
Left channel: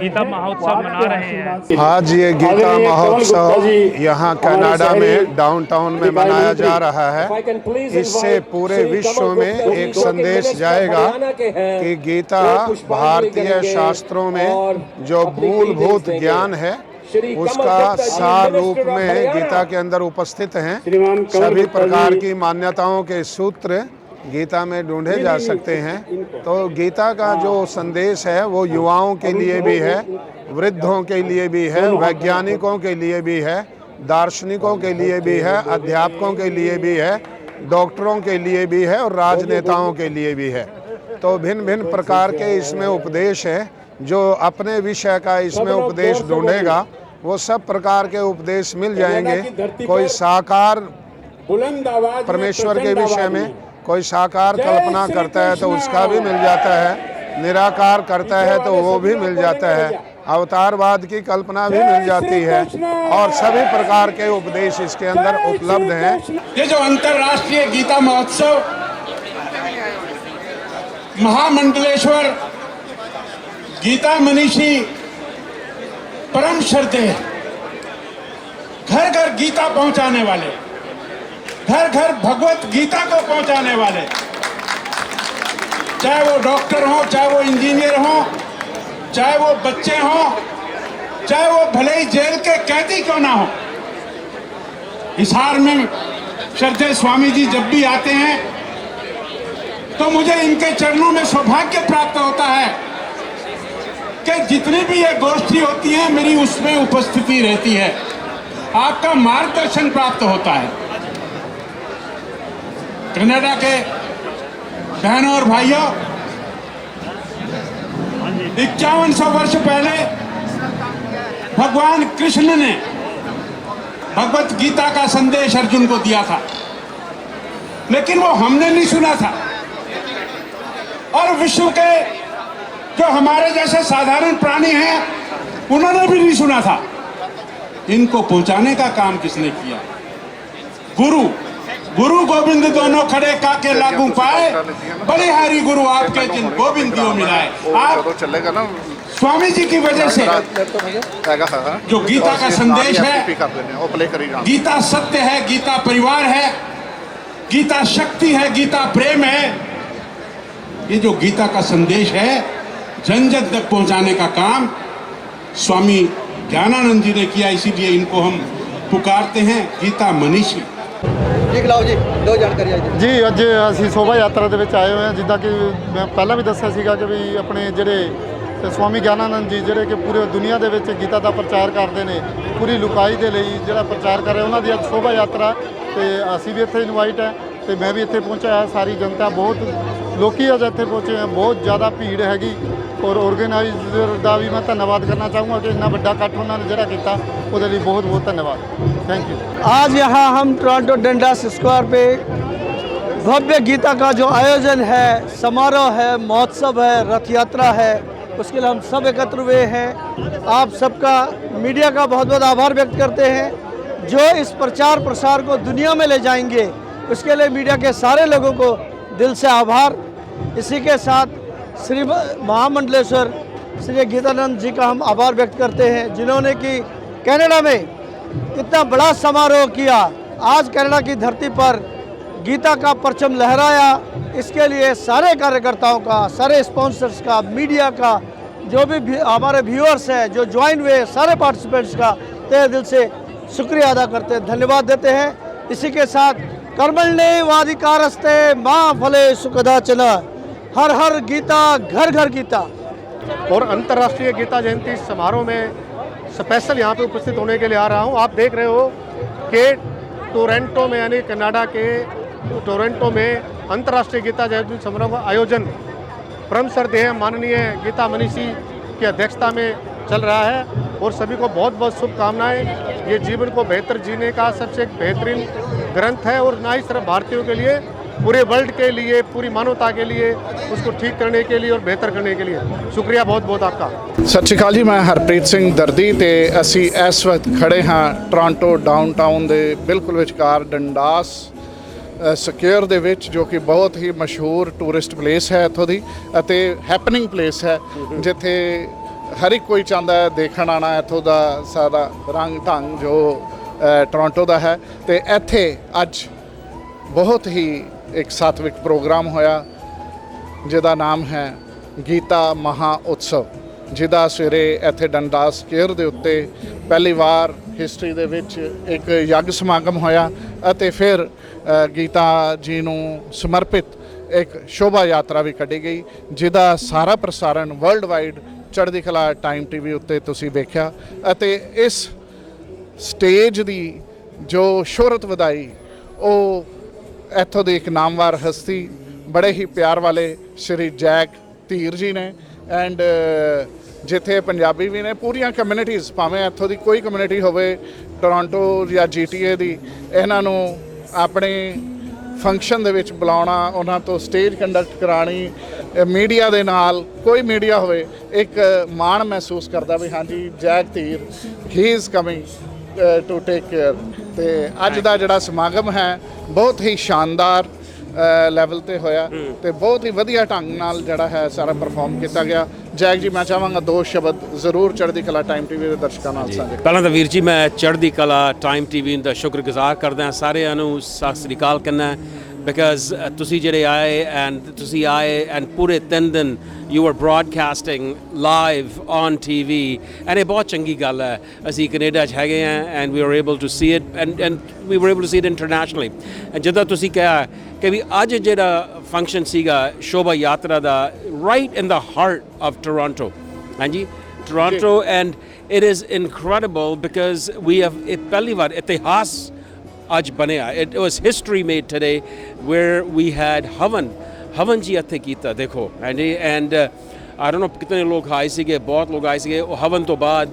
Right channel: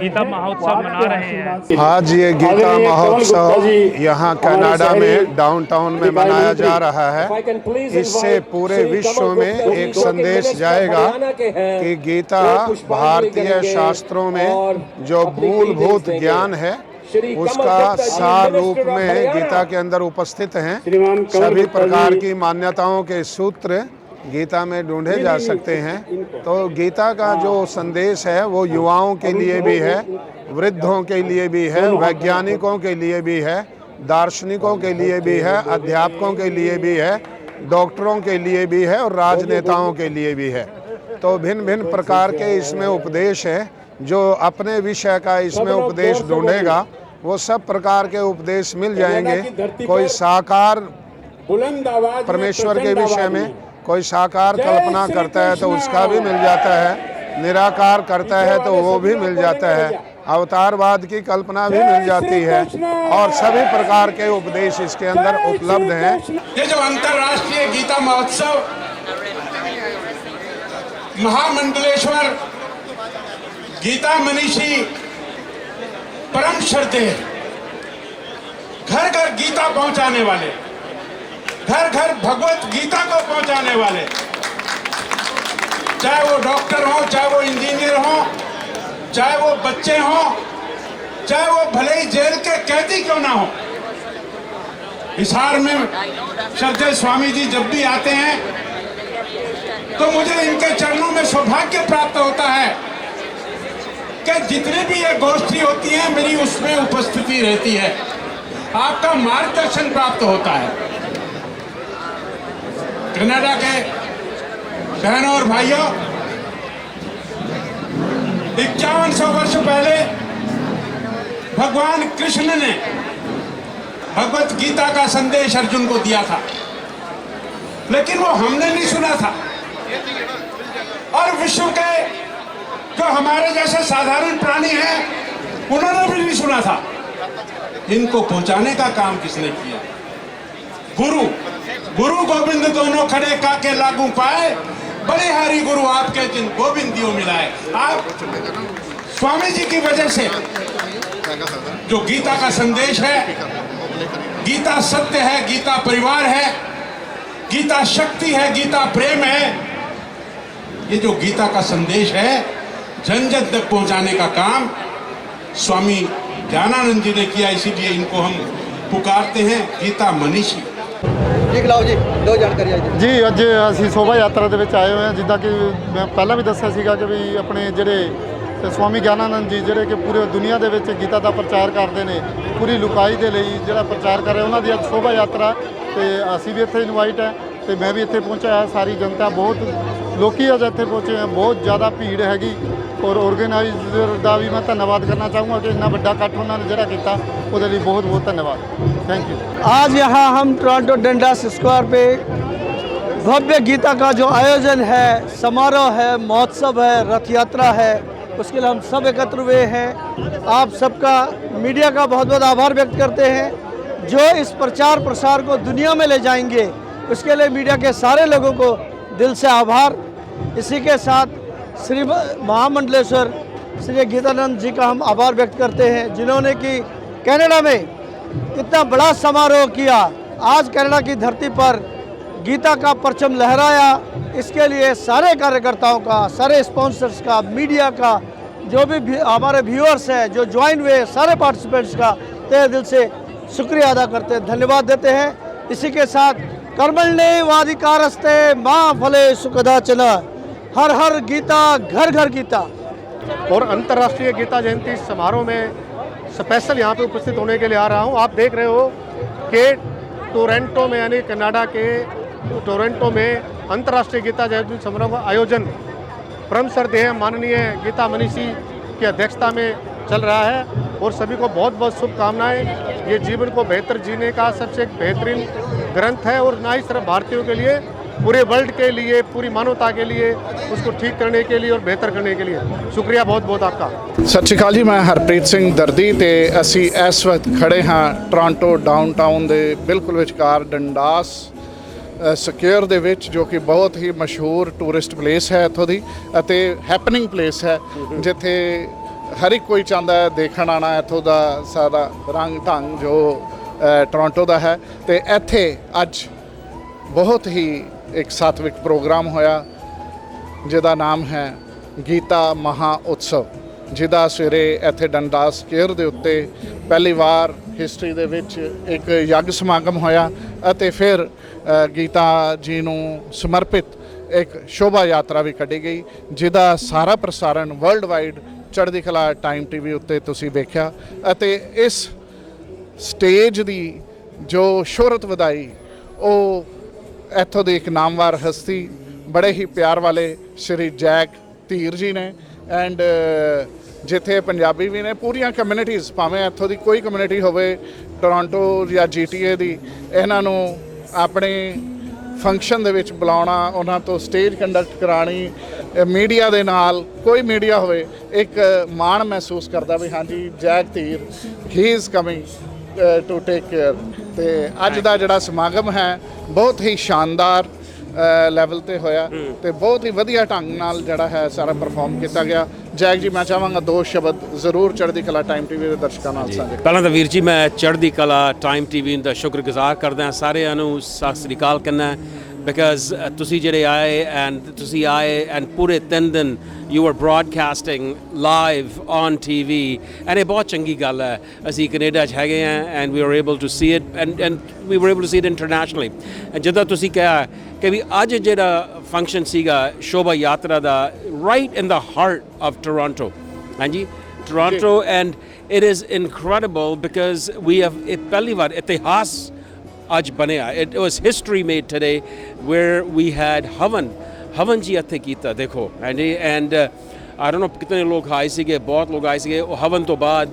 गीता महोत्सव महोत्सव मना रहे हैं। आज ये गीता महोत्सव यहाँ कनाडा में डाउनटाउन में मनाया जा रहा है। इससे पूरे विश्व में एक संदेश जाएगा कि गीता भारतीय शास्त्रों में जो मूलभूत ज्ञान है उसका सार रूप में गीता के अंदर उपस्थित हैं। सभी प्रकार की मान्यताओं के सूत्र गीता में ढूंढे जा सकते हैं। तो गीता का जो संदेश है वो युवाओं के लिए भी है, वृद्धों के लिए भी है, वैज्ञानिकों के लिए भी है, दार्शनिकों के लिए भी है, अध्यापकों के लिए भी है, डॉक्टरों के लिए भी है और राजनेताओं के लिए भी है। तो भिन्न भिन्न प्रकार के इसमें उपदेश हैं। जो अपने विषय का इसमें उपदेश ढूंढेगा वो सब प्रकार के उपदेश मिल जाएंगे। कोई साकार परमेश्वर के विषय में, कोई साकार कल्पना करता है तो उसका भी मिल जाता है, निराकार करता है तो वो भी मिल जाता है, अवतारवाद की कल्पना भी मिल जाती है और सभी प्रकार के उपदेश इसके अंदर उपलब्ध हैं। ये जो अंतर्राष्ट्रीय गीता महोत्सव महामंडलेश्वर गीता मनीषी परम श्रद्धेय, घर घर गीता पहुंचाने वाले, घर घर भगवत गीता को पहुंचाने वाले, चाहे वो डॉक्टर हो, चाहे वो इंजीनियर हो, चाहे वो बच्चे हो, चाहे वो भले ही जेल के कैदी क्यों ना हो। हिसार में श्रद्धेय स्वामी जी जब भी आते हैं तो मुझे इनके चरणों में सौभाग्य प्राप्त होता है कि जितनी भी ये गोष्ठी होती है मेरी उसमें उपस्थिति रहती है, आपका मार्गदर्शन प्राप्त होता है। कनाडा के बहनों और भाइयों, 5100 वर्ष पहले भगवान कृष्ण ने भगवत गीता का संदेश अर्जुन को दिया था, लेकिन वो हमने नहीं सुना था और विश्व के जो हमारे जैसे साधारण प्राणी हैं उन्होंने भी नहीं सुना था। इनको पहुंचाने का काम किसने किया? गुरु गोविंद दोनों खड़े काके लागू पाए, बलिहारी गुरु आपके जिन गोविंद दियो मिलाए। आप स्वामी जी की वजह से जो गीता का संदेश है, गीता सत्य है, गीता परिवार है, गीता शक्ति है, गीता प्रेम है, ये जो गीता का संदेश है जन जन तक पहुंचाने का काम स्वामी ज्ञानानंद जी ने किया। इसीलिए इनको हम पुकारते हैं गीता मनीषी। जी ਅੱਜ ਅਸੀਂ शोभा यात्रा ਦੇ ਵਿੱਚ ਆਏ ਹੋਏ ਹਾਂ। ਜਿੱਦਾਂ ਕਿ ਮੈਂ ਪਹਿਲਾਂ ਵੀ ਦੱਸਿਆ ਸੀਗਾ ਕਿ ਵੀ ਆਪਣੇ ਜਿਹੜੇ स्वामी ज्ञानानंद जी ਜਿਹੜੇ ਕਿ ਪੂਰੇ ਦੁਨੀਆ ਦੇ ਵਿੱਚ ਗੀਤਾ ਦਾ ਪ੍ਰਚਾਰ ਕਰਦੇ ਨੇ, ਪੂਰੀ ਲੁਕਾਈ ਦੇ ਲਈ ਜਿਹੜਾ ਪ੍ਰਚਾਰ ਕਰ ਰਹੇ ਉਹਨਾਂ ਦੀ ਅੱਜ शोभा यात्रा ਤੇ ਅਸੀਂ ਵੀ ਇੱਥੇ ਇਨਵਾਈਟ ਹੈ ਤੇ ਮੈਂ ਵੀ ਇੱਥੇ ਪਹੁੰਚਿਆ ਹਾਂ। ਸਾਰੀ ਜਨਤਾ ਬਹੁਤ ਲੋਕੀ ਅੱਜ ਇੱਥੇ ਪਹੁੰਚੇ हैं, बहुत ज़्यादा भीड़ हैगी और ऑर्गेनाइजर का भी मैं धन्यवाद करना चाहूँगा कि इतना बड़ा इकट्ठ उन्होंने जरा किया, उसके लिए बहुत बहुत धन्यवाद, थैंक यू। आज यहाँ हम टोरंटो डंडास स्क्वायर पे भव्य गीता का जो आयोजन है, समारोह है, महोत्सव है, रथ यात्रा है, उसके लिए हम सब एकत्र हुए हैं। आप सबका मीडिया का बहुत बहुत आभार व्यक्त करते हैं जो इस प्रचार प्रसार को दुनिया में ले जाएंगे। उसके लिए मीडिया के सारे लोगों को दिल से आभार। इसी के साथ श्री महामंडलेश्वर श्री गीतानंद जी का हम आभार व्यक्त करते हैं जिन्होंने कि कनाडा में इतना बड़ा समारोह किया। आज कनाडा की धरती पर गीता का परचम लहराया। इसके लिए सारे कार्यकर्ताओं का, सारे स्पॉन्सर्स का, मीडिया का, जो भी हमारे व्यूअर्स हैं जो ज्वाइन हुए, सारे पार्टिसिपेंट्स का तहे दिल से शुक्रिया अदा करते हैं, धन्यवाद देते हैं। इसी के साथ कर्मण्ये वाधिकारस्ते मां फले सुखदाचन, हर हर गीता, घर घर गीता। और अंतर्राष्ट्रीय गीता जयंती समारोह में स्पेशल यहाँ पे उपस्थित होने के लिए आ रहा हूँ। आप देख रहे हो कि टोरंटो में यानी कनाडा के टोरंटो में अंतर्राष्ट्रीय गीता जयंती समारोह का आयोजन परम श्रद्धेय माननीय गीता मनीषी की अध्यक्षता में चल रहा है और सभी को बहुत बहुत शुभकामनाएं। ये जीवन को बेहतर जीने का सबसे एक बेहतरीन ग्रंथ है और ना ही सिर्फ भारतीयों के लिए, पूरे वर्ल्ड के लिए, पूरी मानवता के लिए, उसको ठीक करने के लिए और बेहतर करने के लिए। शुक्रिया बहुत बहुत आपका। सत श्री अकाल जी, मैं हरप्रीत सिंह दर्दी ते असी इस वक्त खड़े हाँ टोरंटो डाउनटाउन के बिल्कुल विचकार डंडास ਸਕੁਅਰ ਦੇ ਵਿੱਚ ਜੋ ਕਿ ਬਹੁਤ ਹੀ ਮਸ਼ਹੂਰ ਟੂਰਿਸਟ ਪਲੇਸ ਹੈ ਇੱਥੋਂ ਦੀ ਅਤੇ ਹੈਪਨਿੰਗ ਪਲੇਸ ਹੈ ਜਿੱਥੇ ਹਰ ਇੱਕ ਕੋਈ ਚਾਹੁੰਦਾ ਹੈ ਦੇਖਣ ਆਉਣਾ ਇੱਥੋਂ ਦਾ ਸਾਰਾ ਰੰਗ ਢੰਗ ਜੋ ਟੋਰਾਂਟੋ ਦਾ ਹੈ। ਤੇ ਇੱਥੇ ਅੱਜ ਬਹੁਤ ਹੀ ਇੱਕ ਸਾਤਵਿਕ ਪ੍ਰੋਗਰਾਮ ਹੋਇਆ ਜਿਹਦਾ ਨਾਮ ਹੈ ਗੀਤਾ ਮਹਾ ਉਤਸਵ, ਜਿਹਦਾ ਸਵੇਰੇ ਇੱਥੇ ਡੰਡਾਸ ਸਕੁਆਇਰ ਦੇ ਉੱਤੇ ਪਹਿਲੀ ਵਾਰ ਹਿਸਟਰੀ ਦੇ ਵਿੱਚ ਇੱਕ ਯੱਗ ਸਮਾਗਮ ਹੋਇਆ ਅਤੇ ਫਿਰ ਗੀਤਾ ਜੀ ਨੂੰ ਸਮਰਪਿਤ ਇੱਕ ਸ਼ੋਭਾ ਯਾਤਰਾ ਵੀ ਕੱਢੀ ਗਈ, ਜਿਹਦਾ ਸਾਰਾ ਪ੍ਰਸਾਰਣ ਵਰਲਡ ਵਾਈਡ ਚੜ੍ਹਦੀ ਕਲਾ ਟਾਈਮ ਟੀਵੀ ਉੱਤੇ ਤੁਸੀਂ ਵੇਖਿਆ। ਅਤੇ ਇਸ ਸਟੇਜ ਦੀ ਜੋ ਸ਼ੋਹਰਤ ਵਧਾਈ ਉਹ ਇੱਥੋਂ ਦੀ ਇੱਕ ਨਾਮਵਰ ਹਸਤੀ ਬੜੇ ਹੀ ਪਿਆਰ ਵਾਲੇ ਸ਼੍ਰੀ ਜੈਕ ਧੀਰ ਜੀ ਨੇ। ਐਂਡ ਜਿੱਥੇ ਪੰਜਾਬੀ ਵੀ ਨੇ, ਪੂਰੀਆਂ ਕਮਿਊਨਿਟੀਜ਼, ਭਾਵੇਂ ਇੱਥੋਂ ਦੀ ਕੋਈ ਕਮਿਊਨਿਟੀ ਹੋਵੇ ਟੋਰਾਂਟੋ ਜਾਂ GTA ਦੀ, ਇਹਨਾਂ ਨੂੰ ਆਪਣੇ ਫੰਕਸ਼ਨ ਦੇ ਵਿੱਚ ਬੁਲਾਉਣਾ, ਉਹਨਾਂ ਤੋਂ ਸਟੇਜ ਕੰਡਕਟ ਕਰਾਣੀ, ਮੀਡੀਆ ਦੇ ਨਾਲ ਕੋਈ ਮੀਡੀਆ ਹੋਵੇ ਇੱਕ ਮਾਣ ਮਹਿਸੂਸ ਕਰਦਾ ਵੀ ਹਾਂਜੀ Jack Dhir he is coming to take care. ਤੇ ਅੱਜ ਦਾ ਜਿਹੜਾ ਸਮਾਗਮ ਹੈ ਬਹੁਤ ਹੀ ਸ਼ਾਨਦਾਰ ਲੈਵਲ ਤੇ ਹੋਇਆ ਤੇ ਬਹੁਤ ਹੀ ਵਧੀਆ ਢੰਗ ਨਾਲ ਜਿਹੜਾ ਹੈ ਸਾਰਾ ਪਰਫਾਰਮ ਕੀਤਾ ਗਿਆ। ਜੈਕ ਜੀ, ਮੈਂ ਚਾਹਾਂਗਾ 2 ਸ਼ਬਦ ਜ਼ਰੂਰ ਚੜ੍ਹਦੀ ਕਲਾ ਟਾਈਮ ਟੀਵੀ ਦੇ ਦਰਸ਼ਕਾਂ ਨਾਲ ਸਾਂਝੇ। ਪਹਿਲਾਂ ਤਾਂ ਵੀਰ ਜੀ ਮੈਂ ਚੜ੍ਹਦੀ ਕਲਾ ਟਾਈਮ ਟੀਵੀ ਦਾ ਸ਼ੁਕਰਗੁਜ਼ਾਰ ਕਰਦਾ, ਸਾਰਿਆਂ ਨੂੰ ਸਤਿ ਸ੍ਰੀ ਅਕਾਲ ਕਹਿੰਦਾ, ਬਿਕਾਜ਼ ਤੁਸੀਂ ਜਿਹੜੇ ਆਏ ਐਂਡ ਪੂਰੇ 3 ਦਿਨ you were broadcasting live on TV and ਇਹ ਬਹੁਤ ਚੰਗੀ ਗੱਲ ਹੈ। ਅਸੀਂ ਕੈਨੇਡਾ 'ਚ ਹੈਗੇ ਹਾਂ and we were able to see it and we were able to see it internationally। ਜਿੱਦਾਂ ਤੁਸੀਂ ਕਿਹਾ ਕਿ ਵੀ ਅੱਜ ਜਿਹੜਾ ਫੰਕਸ਼ਨ ਸੀਗਾ ਸ਼ੋਭਾ ਯਾਤਰਾ ਦਾ right in the heart of Toronto, ਹਾਂਜੀ Toronto, and it is incredible because we have ਇਹ ਪਹਿਲੀ ਵਾਰ ਇਤਿਹਾਸ ਅੱਜ ਬਣਿਆ। It was history made today where we had ਹਵਨ ਜੀ ਇੱਥੇ ਕੀਤਾ ਦੇਖੋ, ਐਂਡ ਆਈ ਡੋਨਟ ਨੋ ਕਿਤਨੇ ਲੋਕ ਆਏ ਸੀਗੇ, ਬਹੁਤ ਲੋਕ ਆਏ ਸੀਗੇ। ਉਹ ਹਵਨ ਤੋਂ ਬਾਅਦ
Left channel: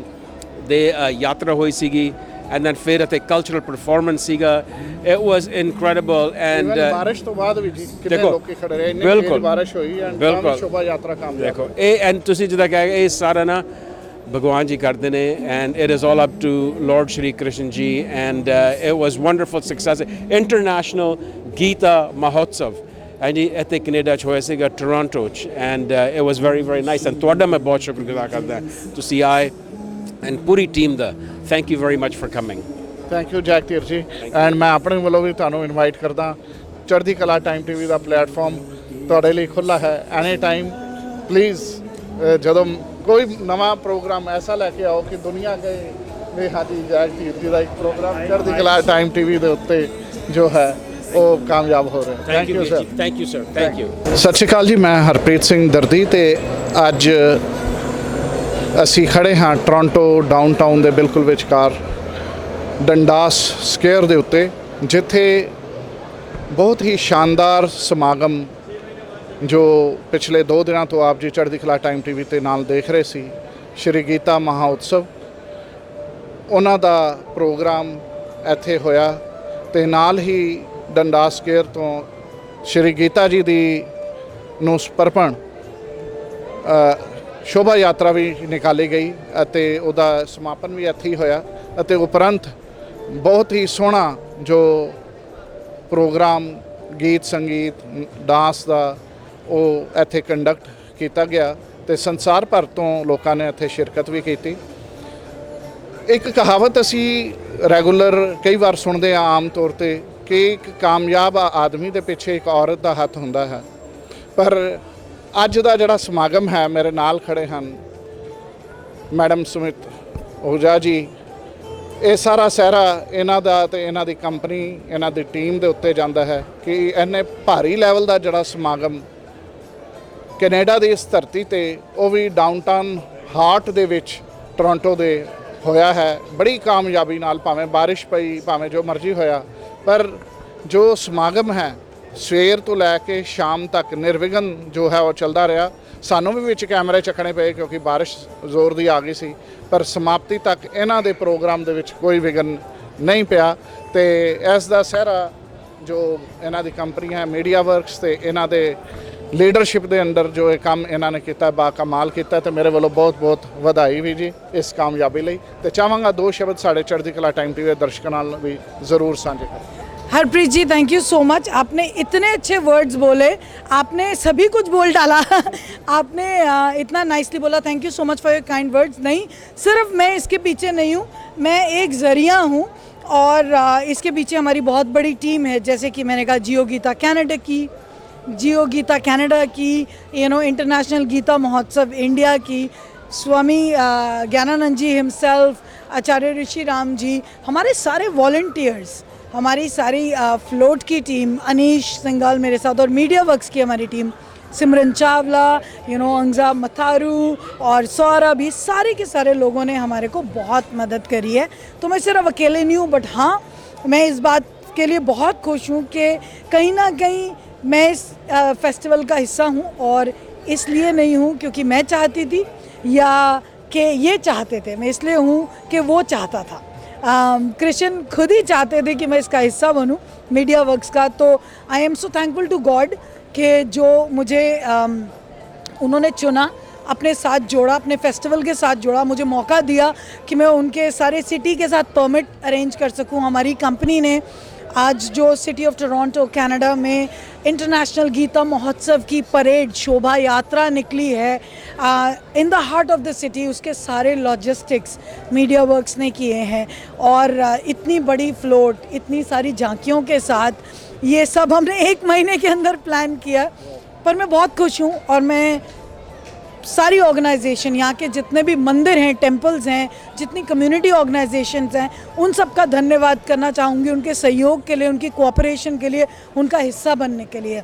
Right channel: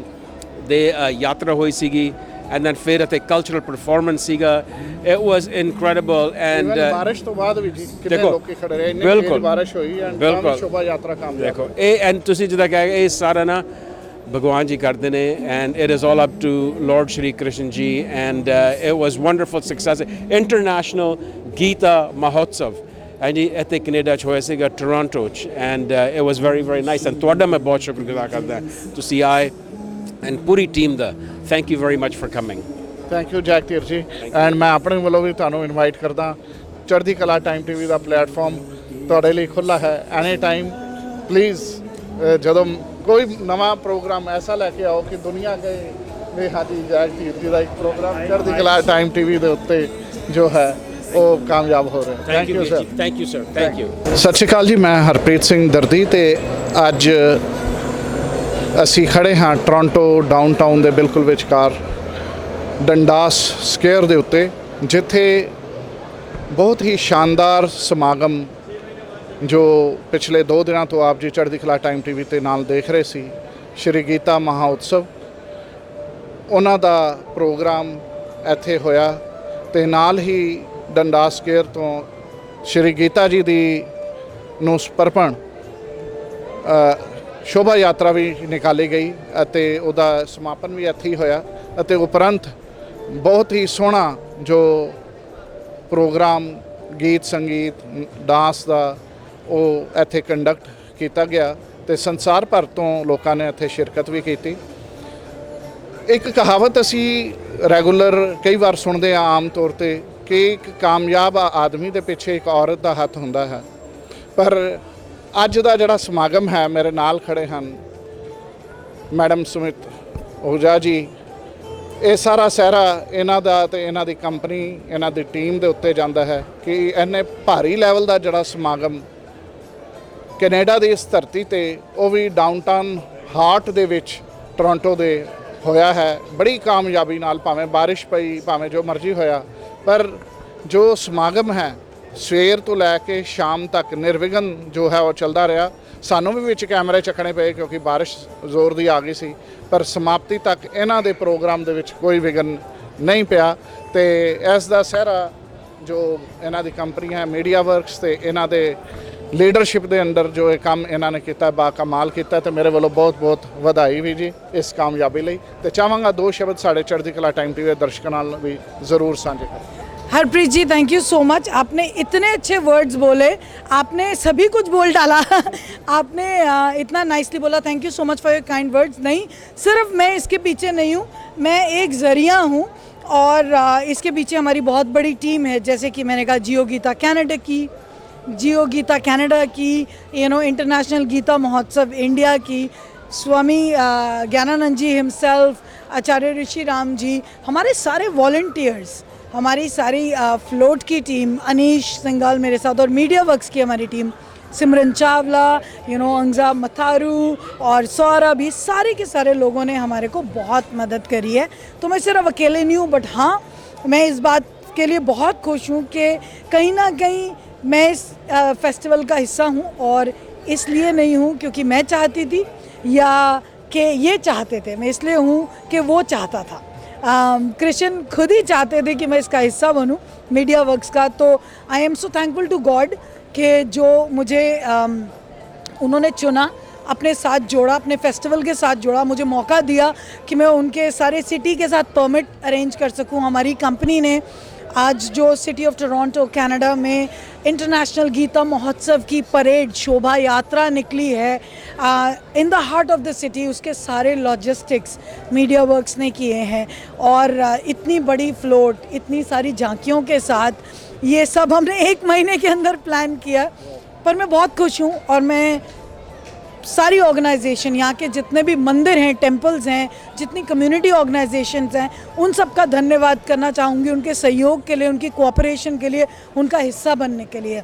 ਦੇ ਯਾਤਰਾ ਹੋਈ ਸੀਗੀ ਐਂਡ ਦੈਨ ਫਿਰ ਇੱਥੇ ਕਲਚਰਲ ਪਰਫਾਰਮੈਂਸ ਸੀਗਾ। ਇਟ ਵਾਸ ਇਨਕ੍ਰੈਡੀਬਲ ਐਂਡ ਬਾਰਿਸ਼ ਤੋਂ ਬਾਅਦ ਵੀ ਜੀ ਕਿੰਨੇ ਲੋਕ ਖੜੇ ਰਹੇ, ਇੰਨੀ ਬਾਰਿਸ਼ ਹੋਈ ਐਂਡ ਸ਼ੋਭਾ ਯਾਤਰਾ ਕਾਮਯਾਬ ਦੇਖੋ। ਇਹ ਐਂਡ ਤੁਸੀਂ ਜਿੱਦਾਂ ਕਿਹਾ ਇਹ ਸਾਰਾ ਨਾ ਭਗਵਾਨ ਜੀ ਕਰਦੇ ਨੇ and it is all up to Lord Shri Krishna ji and it was wonderful success international Gita Mahotsav ਹਾਂਜੀ ਇੱਥੇ ਕੈਨੇਡਾ 'ਚ ਹੋਇਆ ਸੀਗਾ ਟੋਰਾਂਟੋ 'ਚ and it was very very nice. And ਤੁਹਾਡਾ ਮੈਂ ਬਹੁਤ ਸ਼ੁਕਰਗੁਜ਼ਾਰ ਕਰਦਾ ਤੁਸੀਂ ਆਏ ਐਂਡ ਪੂਰੀ ਟੀਮ ਦਾ thank you very much for coming. Thank you Jack Dheer ji. And ਮੈਂ ਆਪਣੇ ਵੱਲੋਂ ਵੀ ਤੁਹਾਨੂੰ ਇਨਵਾਈਟ ਕਰਦਾ, ਚੜ੍ਹਦੀ ਕਲਾ ਟਾਈਮ ਟੀਵੀ ਦਾ ਪਲੇਟਫਾਰਮ ਤੁਹਾਡੇ ਲਈ ਖੁੱਲ੍ਹਾ ਹੈ। ਐਨੀ ਟਾਈਮ ਪਲੀਜ਼ ਜਦੋਂ ਕੋਈ ਨਵਾਂ ਪ੍ਰੋਗਰਾਮ ਐਸਾ ਲੈ ਕੇ ਆਓ ਕਿ ਦੁਨੀਆ ਕਹੇ ਵੀ ਹਾਂਜੀ ਜੈਕ ਧੀਰ ਜੀ ਦਾ ਇੱਕ ਪ੍ਰੋਗਰਾਮ ਚੜ੍ਹਦੀ ਕਲਾ ਟਾਈਮ ਟੀਵੀ ਦੇ ਉੱਤੇ ਜੋ ਹੈ ਉਹ ਕਾਮਯਾਬ ਹੋ ਰਿਹਾ। Thank you sir. Thank you sir. Thank you. ਸਤਿ ਸ਼੍ਰੀ ਅਕਾਲ ਜੀ, ਮੈਂ ਹਰਪ੍ਰੀਤ ਸਿੰਘ ਦਰਦੀ ਤੇ ਅੱਜ ਅਸੀਂ ਖੜੇ ਹਾਂ ਟੋਰਾਂਟੋ ਡਾਊਨਟਾਊਨ ਦੇ ਬਿਲਕੁਲ ਵਿਚਕਾਰ ਡੰਡਾਸ ਸਕੁਆਇਰ ਦੇ ਉੱਤੇ, ਜਿੱਥੇ ਬਹੁਤ ਹੀ ਸ਼ਾਨਦਾਰ ਸਮਾਗਮ ਜੋ ਪਿਛਲੇ 2 ਦਿਨਾਂ ਤੋਂ ਆਪ ਜੀ ਚੜ੍ਹਦੀ ਕਲਾ ਟਾਈਮ ਟੀਵੀ ਤੇ ਨਾਲ ਦੇਖ ਰਹੇ ਸੀ, ਸ਼੍ਰੀ ਗੀਤਾ ਮਹਾ ਉਤਸਵ, ਉਹਨਾਂ ਦਾ ਪ੍ਰੋਗਰਾਮ ਇੱਥੇ ਹੋਇਆ ਤੇ ਨਾਲ ਹੀ ਡੰਡਾਸ ਸਕੁਆਇਰ ਤੋਂ ਸ਼੍ਰੀ ਗੀਤਾ ਜੀ ਦੀ ਨੂੰ ਸਮਰਪਣ ਸ਼ੋਭਾ ਯਾਤਰਾ ਵੀ ਨਿਕਾਲੀ ਗਈ ਅਤੇ ਉਹਦਾ ਸਮਾਪਨ ਵੀ ਇੱਥੇ ਹੀ ਹੋਇਆ। ਅਤੇ ਉਪਰੰਤ ਬਹੁਤ ਹੀ ਸੋਹਣਾ ਜੋ ਪ੍ਰੋਗਰਾਮ ਗੀਤ ਸੰਗੀਤ ਡਾਂਸ ਦਾ ਉਹ ਇੱਥੇ ਕੰਡਕਟ ਕੀਤਾ ਗਿਆ ਤੇ ਸੰਸਾਰ ਭਰ ਤੋਂ ਲੋਕਾਂ ਨੇ ਇੱਥੇ ਸ਼ਿਰਕਤ ਵੀ ਕੀਤੀ। ਇੱਕ ਕਹਾਵਤ ਅਸੀਂ ਰੈਗੂਲਰ ਕਈ ਵਾਰ ਸੁਣਦੇ ਹਾਂ ਆਮ ਤੌਰ ਤੇ ਕਿ ਇੱਕ ਕਾਮਯਾਬ ਆਦਮੀ ਦੇ ਪਿੱਛੇ ਇੱਕ ਔਰਤ ਦਾ ਹੱਥ ਹੁੰਦਾ ਹੈ, ਪਰ ਅੱਜ ਦਾ ਜਿਹੜਾ ਸਮਾਗਮ ਹੈ, ਮੇਰੇ ਨਾਲ ਖੜੇ ਹਨ ਮੈਡਮ ਸੁਮਿਤ ਓਜਾ ਜੀ, ਇਹ ਸਾਰਾ ਸਿਹਰਾ ਇਹਨਾਂ ਦਾ ਤੇ ਇਹਨਾਂ ਦੀ ਕੰਪਨੀ ਇਹਨਾਂ ਦੀ ਟੀਮ ਦੇ ਉੱਤੇ ਜਾਂਦਾ ਹੈ ਕਿ ਇੰਨੇ ਭਾਰੀ ਲੈਵਲ ਦਾ ਜਿਹੜਾ ਸਮਾਗਮ ਕੈਨੇਡਾ ਦੀ ਇਸ ਧਰਤੀ ਤੇ ਉਹ ਵੀ ਡਾਊਨਟਾਊਨ ਹਾਰਟ ਦੇ ਵਿੱਚ ਟੋਰਾਂਟੋ ਦੇ ਹੋਇਆ ਹੈ ਬੜੀ ਕਾਮਯਾਬੀ ਨਾਲ। ਭਾਵੇਂ ਬਾਰਿਸ਼ ਪਈ, ਭਾਵੇਂ ਜੋ ਮਰਜ਼ੀ ਹੋਇਆ, ਪਰ ਜੋ ਸਮਾਗਮ ਹੈ ਸਵੇਰ ਤੋਂ ਲੈ ਕੇ ਸ਼ਾਮ ਤੱਕ ਨਿਰਵਿਘਨ ਜੋ ਹੈ ਉਹ ਚੱਲਦਾ ਰਿਹਾ। ਸਾਨੂੰ ਵੀ ਵਿੱਚ ਕੈਮਰੇ ਚੱਕਣੇ ਪਏ ਕਿਉਂਕਿ ਬਾਰਿਸ਼ ਜ਼ੋਰ ਦੀ ਆ ਗਈ ਸੀ, ਪਰ ਸਮਾਪਤੀ ਤੱਕ ਇਹਨਾਂ ਦੇ ਪ੍ਰੋਗਰਾਮ ਦੇ ਵਿੱਚ ਕੋਈ ਵਿਘਨ ਨਹੀਂ ਪਿਆ। ਤੇ ਇਸ ਦਾ ਸਿਹਰਾ ਜੋ ਇਹਨਾਂ ਦੀ ਕੰਪਨੀ ਹੈ ਮੀਡੀਆ ਵਰਕਸ ਤੇ ਇਹਨਾਂ ਦੇ ਲੀਡਰਸ਼ਿਪ ਦੇ ਅੰਡਰ ਜੋ ਇਹ ਕੰਮ ਇਹਨਾਂ ਨੇ ਕੀਤਾ ਬਾ ਕਮਾਲ ਕੀਤਾ, ਤੇ ਮੇਰੇ ਵੱਲੋਂ ਬਹੁਤ ਬਹੁਤ ਵਧਾਈ ਵੀ ਜੀ ਇਸ ਕਾਮਯਾਬੀ ਲਈ। ਤੇ ਚਾਹਾਂਗਾ 2 ਸ਼ਬਦ ਸਾਡੇ ਚੜ੍ਹਦੀ ਕਲਾ ਟਾਈਮ ਟੀਵੀ ਦੇ ਦਰਸ਼ਕਾਂ ਨਾਲ ਵੀ ਜ਼ਰੂਰ ਸਾਂਝੇ ਕਰਾਂ। हरप्रीत जी, थैंक यू सो मच। आपने इतने अच्छे वर्ड्स बोले, आपने सभी कुछ बोल डाला आपने इतना नाइसली बोला। Thank you so much for your kind words. नहीं, सिर्फ मैं इसके पीछे नहीं हूँ, मैं एक ज़रिया हूँ और इसके पीछे हमारी बहुत बड़ी टीम है। जैसे कि मैंने कहा, जियो गीता कनाडा की, इंटरनेशनल गीता महोत्सव इंडिया की, स्वामी ज्ञानानंद जी हिमसेल्फ, आचार्य ऋषि राम जी, हमारे सारे वॉलंटियर्स, हमारी सारी फ्लोट की टीम, अनीश सिंगाल मेरे साथ, और मीडिया वर्क्स की हमारी टीम, सिमरन चावला, अंजा मथारू और सौरभ, ये सारे के सारे लोगों ने हमारे को बहुत मदद करी है। तो मैं सिर्फ अकेले नहीं हूँ, बट हाँ, मैं इस बात के लिए बहुत खुश हूँ कि कहीं ना कहीं मैं इस फेस्टिवल का हिस्सा हूँ। और इसलिए नहीं हूँ क्योंकि मैं चाहती थी या कि ये चाहते थे, मैं इसलिए हूँ कि वो चाहता था। कृष्ण खुद ही चाहते थे कि मैं इसका हिस्सा बनूं, मीडिया वर्क्स का। तो I am so thankful to God कि जो मुझे उन्होंने चुना, अपने साथ जोड़ा, अपने फेस्टिवल के साथ जोड़ा, मुझे मौका दिया कि मैं उनके सारे सिटी के साथ परमिट अरेंज कर सकूं। हमारी कंपनी ने आज जो सिटी ऑफ टोरंटो कनाडा में इंटरनेशनल गीता महोत्सव की परेड शोभा यात्रा निकली है in the heart of the city, उसके सारे लॉजिस्टिक्स मीडिया वर्क्स ने किए हैं। और इतनी बड़ी फ्लोट, इतनी सारी झांकियों के साथ ये सब हमने 1 महीने के अंदर प्लान किया। पर मैं बहुत खुश हूँ और मैं सारी ऑर्गेनाइजेशन, यहाँ के जितने भी मंदिर हैं, टेम्पल्स हैं, जितनी कम्युनिटी ऑर्गेनाइजेशंस हैं, उन सब का धन्यवाद करना चाहूँगी, उनके सहयोग के लिए, उनकी कोऑपरेशन के लिए, उनका हिस्सा बनने के लिए।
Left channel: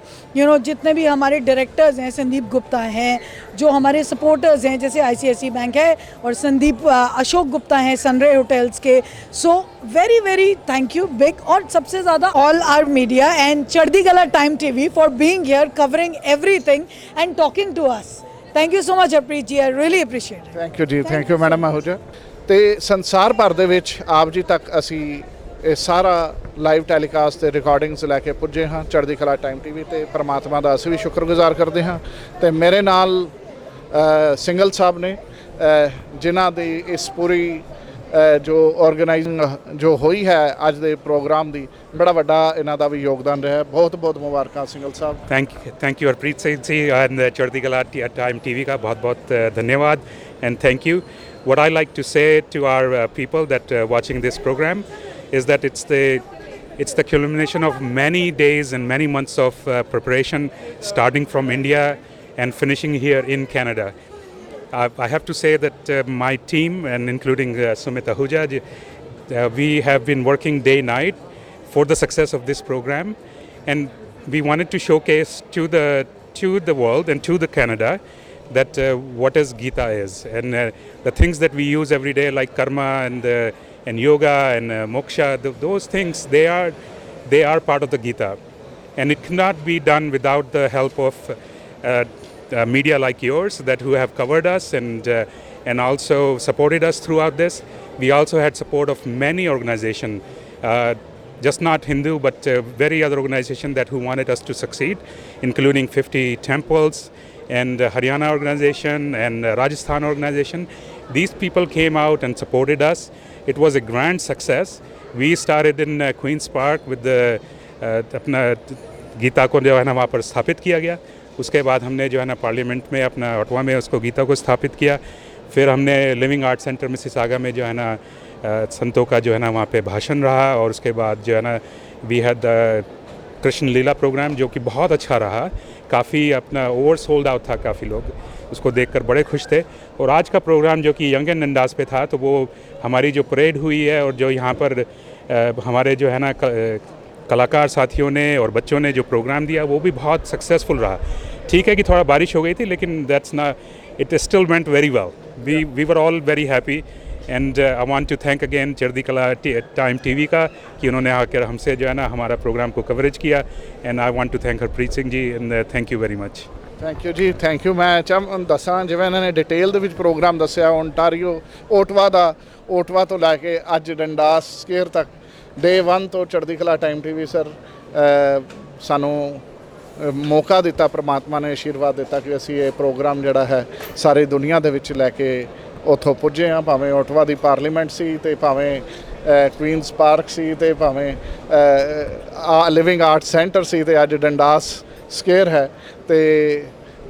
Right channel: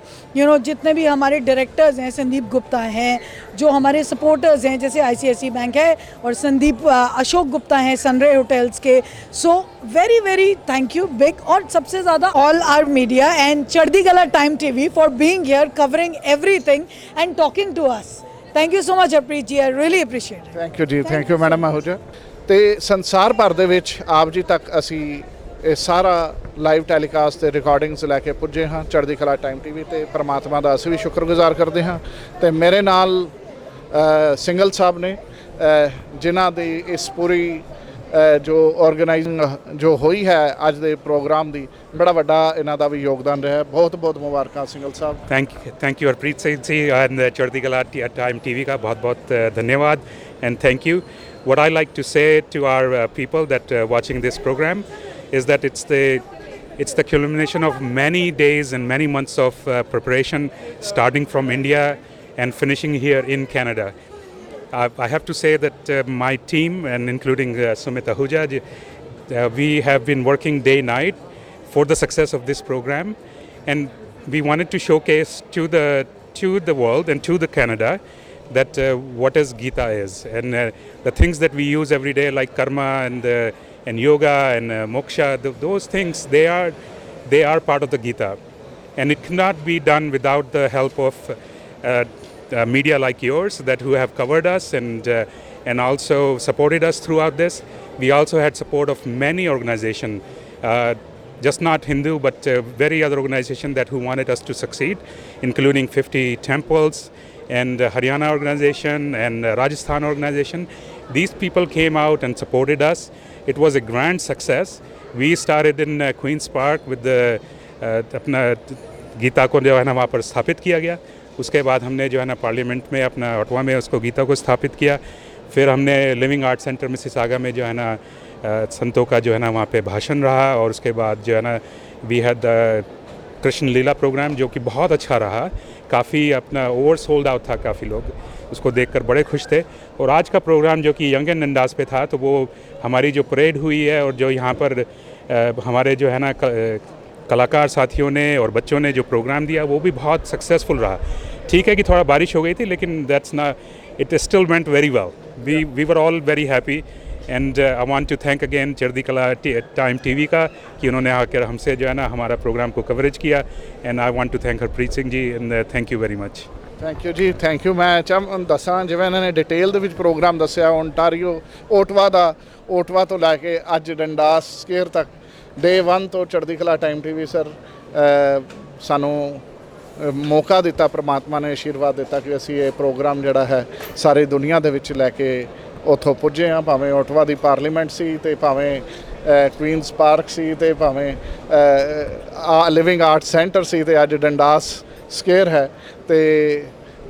जितने भी हमारे डायरेक्टर्स हैं, संदीप गुप्ता हैं, जो हमारे सपोर्टर्स हैं, जैसे ICICI बैंक है, और संदीप अशोक गुप्ता हैं सनरे होटल्स के। So very very thank you big. और सबसे ज़्यादा all our media and Chardi Kala time TV for being here, covering everything and talking to us. Thank you so much Harpreet ji, I really appreciate. Thank you ji, thank you madam Ahuja. ਤੇ ਸੰਸਾਰ ਭਰ ਦੇ ਵਿੱਚ ਆਪ ਜੀ ਤੱਕ ਅਸੀਂ ਇਹ ਸਾਰਾ ਲਾਈਵ ਟੈਲੀਕਾਸਟ ਤੇ ਰਿਕਾਰਡਿੰਗਸ ਲੈ ਕੇ ਪੁੱਜੇ ਹਾਂ ਚੜ੍ਹਦੀ ਕਲਾ ਟਾਈਮ TV ਤੇ। ਪਰਮਾਤਮਾ ਦਾ ਅਸੀਂ ਵੀ ਸ਼ੁਕਰਗੁਜ਼ਾਰ ਕਰਦੇ ਹਾਂ। ਤੇ ਮੇਰੇ ਨਾਲ ਸਿੰਗਲ ਸਾਹਿਬ ਨੇ ਜਿਨ੍ਹਾਂ ਦੀ ਇਸ ਪੂਰੀ ਜੋ ਆਰਗੇਨਾਈਜ਼ਿੰਗ ਜੋ ਹੋਈ ਹੈ ਅੱਜ ਦੇ ਪ੍ਰੋਗਰਾਮ ਦੀ, बड़ा वड्डा इन्हां दा भी योगदान रहा है। बहुत बहुत मुबारक सिंगल साहब। Thank you Harpreet Singh ji and Chardi Kala time TV का बहुत बहुत धन्यवाद and thank you. What I like to say to our people that watching this program is that it's the culmination of many days and many months of preparation, starting from India and finishing here in Canada. I have to say that my team and including Sumit Ahuja, we have been working day night for the success of this program, and we wanted to showcase to the world and to the Canada that what is Gita is, and the things that we use every day like karma and yoga and moksha, those things they are part of the Gita, and it cannot be done without the help of media like yours that who have covered us and also supported us throughout this. We also had support of many organizations, just not Hindu but very other organization that who wanted us to succeed, including 50 temples and Haryana organization and Rajasthan organization. These people came out and supported us. It was a grand success. We started in Queen's Park with the अपना गीता को जो है ना वहाँ पर स्थापित किया गया। उसके बाद हमने जो है ना पार्लियामेंट में अपना ऑटवा में उसको गीता को स्थापित किया। फिर हमने लिविंग आर्ट सेंटर मिसिसागा में जो है ना संतों का जो है ना वहाँ पे भाषण रहा, और उसके बाद जो है ना we had Krishna Leela program जो कि बहुत अच्छा रहा। काफ़ी अपना ओवर सोल्ड आउट था, काफ़ी लोग उसको देखकर बड़े खुश थे। और आज का प्रोग्राम जो कि यंग एंड अंदाज पे था, तो वो हमारी जो परेड हुई है और जो यहाँ पर हमारे जो है ना कलाकार साथियों ने और बच्चों ने जो प्रोग्राम दिया वो भी बहुत सक्सेसफुल रहा। ठीक है कि थोड़ा बारिश हो गई थी, लेकिन दैट्स ना, it still went very well. We were all very happy and I want to thank again Chardi Kala time TV का कि उन्होंने आकर हमसे जो है ना हमारा प्रोग्राम को कवरेज किया। And I want to thank Harpreet Singh ji and thank you very much. Thank you ji, thank you. मैं दसा जिवें इन्होंने डिटेल ਦੇ ਵਿੱਚ प्रोग्राम दस्या ओंटारियो ओटवा तो लैके अज डंडास स्केयर तक डे 1 तो चढ़ती कला टाइम TV सर सानू मौका दिता, परमात्मा ने आशीर्वाद दिता कि असी ये प्रोग्राम जिहड़ा है सारी दुनिया दे विच लैके ਉੱਥੋਂ ਪੁੱਜੇ ਹਾਂ। ਭਾਵੇਂ ਓਟਵਾ ਦੀ ਪਾਰਲੀਮੈਂਟ ਸੀ ਤੇ ਭਾਵੇਂ ਕੁਈਨਸ ਪਾਰਕ ਸੀ ਤੇ ਭਾਵੇਂ ਲਿਵਿੰਗ ਆਰਟ ਸੈਂਟਰ ਸੀ ਤੇ ਅੱਜ ਡੰਡਾਸ ਸਕੁਅਰ ਹੈ। ਤੇ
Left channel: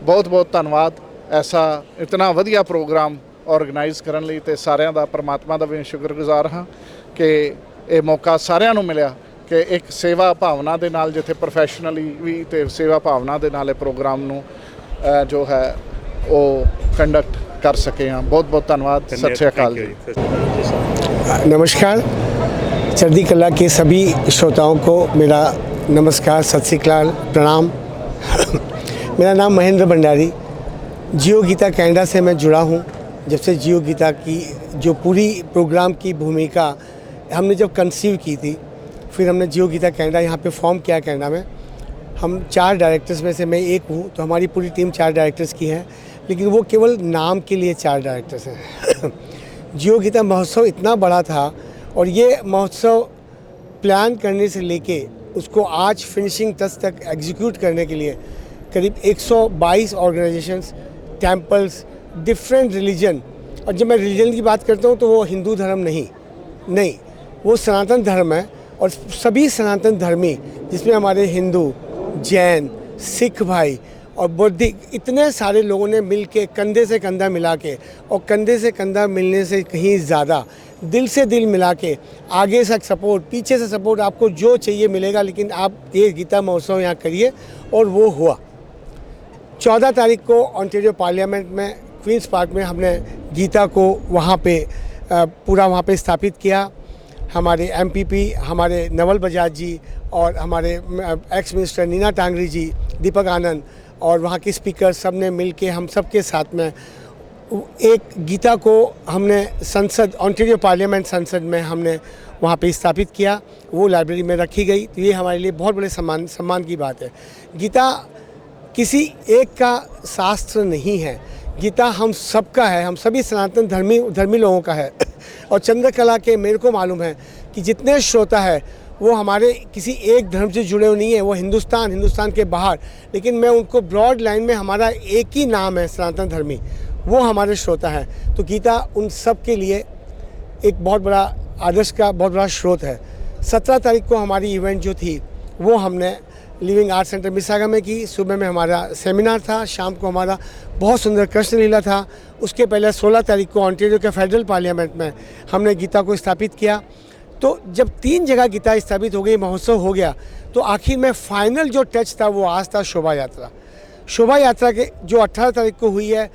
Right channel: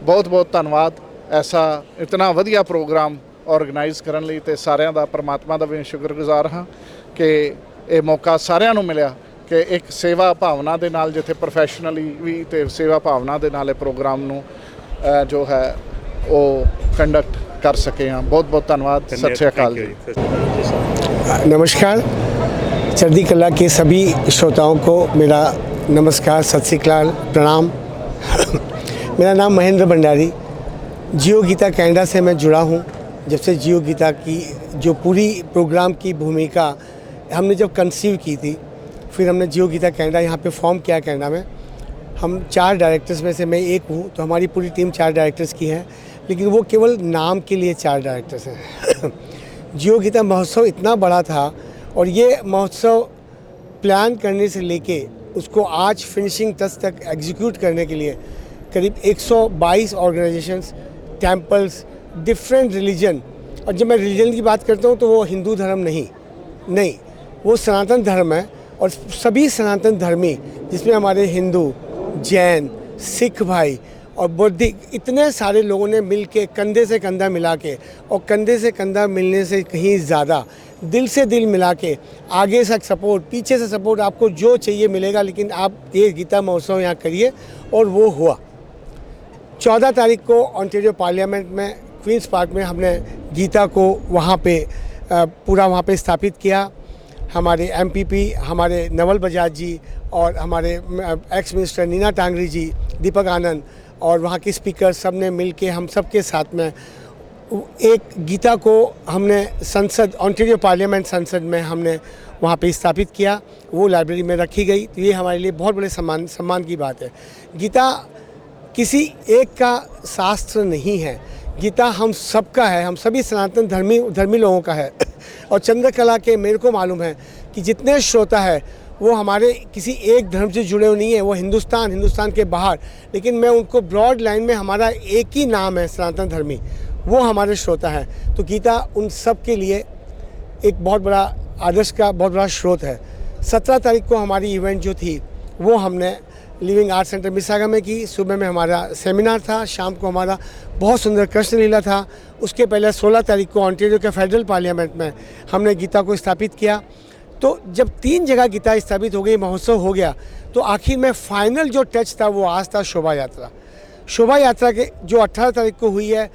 ਬਹੁਤ ਬਹੁਤ ਧੰਨਵਾਦ ਐਸਾ ਇਤਨਾ ਵਧੀਆ ਪ੍ਰੋਗਰਾਮ ਆਰਗੇਨਾਈਜ਼ ਕਰਨ ਲਈ, ਤੇ ਸਾਰਿਆਂ ਦਾ ਪਰਮਾਤਮਾ ਦਾ ਵੀ ਸ਼ੁਕਰਗੁਜ਼ਾਰ ਹਾਂ ਕਿ ਇਹ ਮੌਕਾ ਸਾਰਿਆਂ ਨੂੰ ਮਿਲਿਆ ਕਿ ਇੱਕ ਸੇਵਾ ਭਾਵਨਾ ਦੇ ਨਾਲ, ਜਿੱਥੇ ਪ੍ਰੋਫੈਸ਼ਨਲੀ ਵੀ ਤੇ ਸੇਵਾ ਭਾਵਨਾ ਦੇ ਨਾਲ ਇਹ ਪ੍ਰੋਗਰਾਮ ਨੂੰ ਜੋ ਹੈ ਉਹ ਕੰਡਕਟ कर सके हैं। बहुत बहुत धन्यवाद। सत श्री अकाल जी। नमस्कार, चढ़ती कला के सभी श्रोताओं को मेरा नमस्कार, सत श्री अकाल, प्रणाम। मेरा नाम महेंद्र भंडारी, जियो गीता कनाडा से मैं जुड़ा हूँ। जब से जियो गीता की जो पूरी प्रोग्राम की भूमिका हमने जब कंसीव की थी, फिर हमने जियो गीता कनाडा यहाँ पे फॉर्म किया कनाडा में। हम 4 डायरेक्टर्स में से मैं एक हूँ, तो हमारी पूरी टीम 4 डायरेक्टर्स की है, लेकिन वो केवल नाम के लिए 4 डायरेक्टर्स हैं। जियो गीता महोत्सव इतना बड़ा था और ये महोत्सव प्लान करने से लेके उसको आज फिनिशिंग टच तक एग्जीक्यूट करने के लिए करीब 122 ऑर्गेनाइजेशंस, टेम्पल्स, डिफरेंट रिलीजन, और जब मैं रिलीजन की बात करता हूँ तो वो हिंदू धर्म नहीं, वो सनातन धर्म है। और सभी सनातन धर्मी, जिसमें हमारे हिंदू, जैन, सिख भाई और बौद्धिक, इतने सारे लोगों ने मिल के कंधे से कंधा मिला के, और कंधे से कंधा मिलने से कहीं ज़्यादा दिल से दिल मिला के, आगे से सपोर्ट, पीछे से सपोर्ट, आपको जो चाहिए मिलेगा, लेकिन आप ये गीता महोत्सव यहाँ करिए। और वो हुआ 14 तारीख को ऑन्टेरियो पार्लियामेंट में क्वींस पार्क में हमने गीता को वहाँ पे पूरा वहाँ पे स्थापित किया। हमारे MPP, हमारे नवल बजाज जी और हमारे एक्स मिनिस्टर नीना टांगरी जी, दीपक आनंद और वहाँ के स्पीकर, सब ने मिल के हम सब के साथ में एक गीता को हमने संसद, ऑन्टेरियो पार्लियामेंट संसद में हमने वहाँ पे स्थापित किया। वो लाइब्रेरी में रखी गई। तो ये हमारे लिए बहुत बड़े सम्मान की बात है। गीता किसी एक का शास्त्र नहीं है, गीता हम सबका है, हम सभी सनातन धर्मी लोगों का है। और चंद्रकला के मेरे को मालूम है कि जितने श्रोता है वो हमारे किसी एक धर्म से जुड़े हुए नहीं है, वो हिंदुस्तान के बाहर, लेकिन मैं उनको ब्रॉड लाइन में, हमारा एक ही नाम है सनातन धर्मी, वो हमारे श्रोता हैं। तो गीता उन सब के लिए एक बहुत बड़ा आदर्श का बहुत बड़ा स्रोत है। 17 तारीख को हमारी इवेंट जो थी वो हमने लिविंग आर्ट सेंटर मिसागा में की। सुबह में हमारा सेमिनार था, शाम को हमारा बहुत सुंदर कृष्ण लीला था। उसके पहले 16 तारीख को ऑन्टेरियो के फेडरल पार्लियामेंट में हमने गीता को स्थापित किया। तो जब 3 जगह गीता स्थापित हो गई, महोत्सव हो गया, तो आखिर में फाइनल जो टच था वो आज था शोभा यात्रा के जो 18 तारीख को हुई है।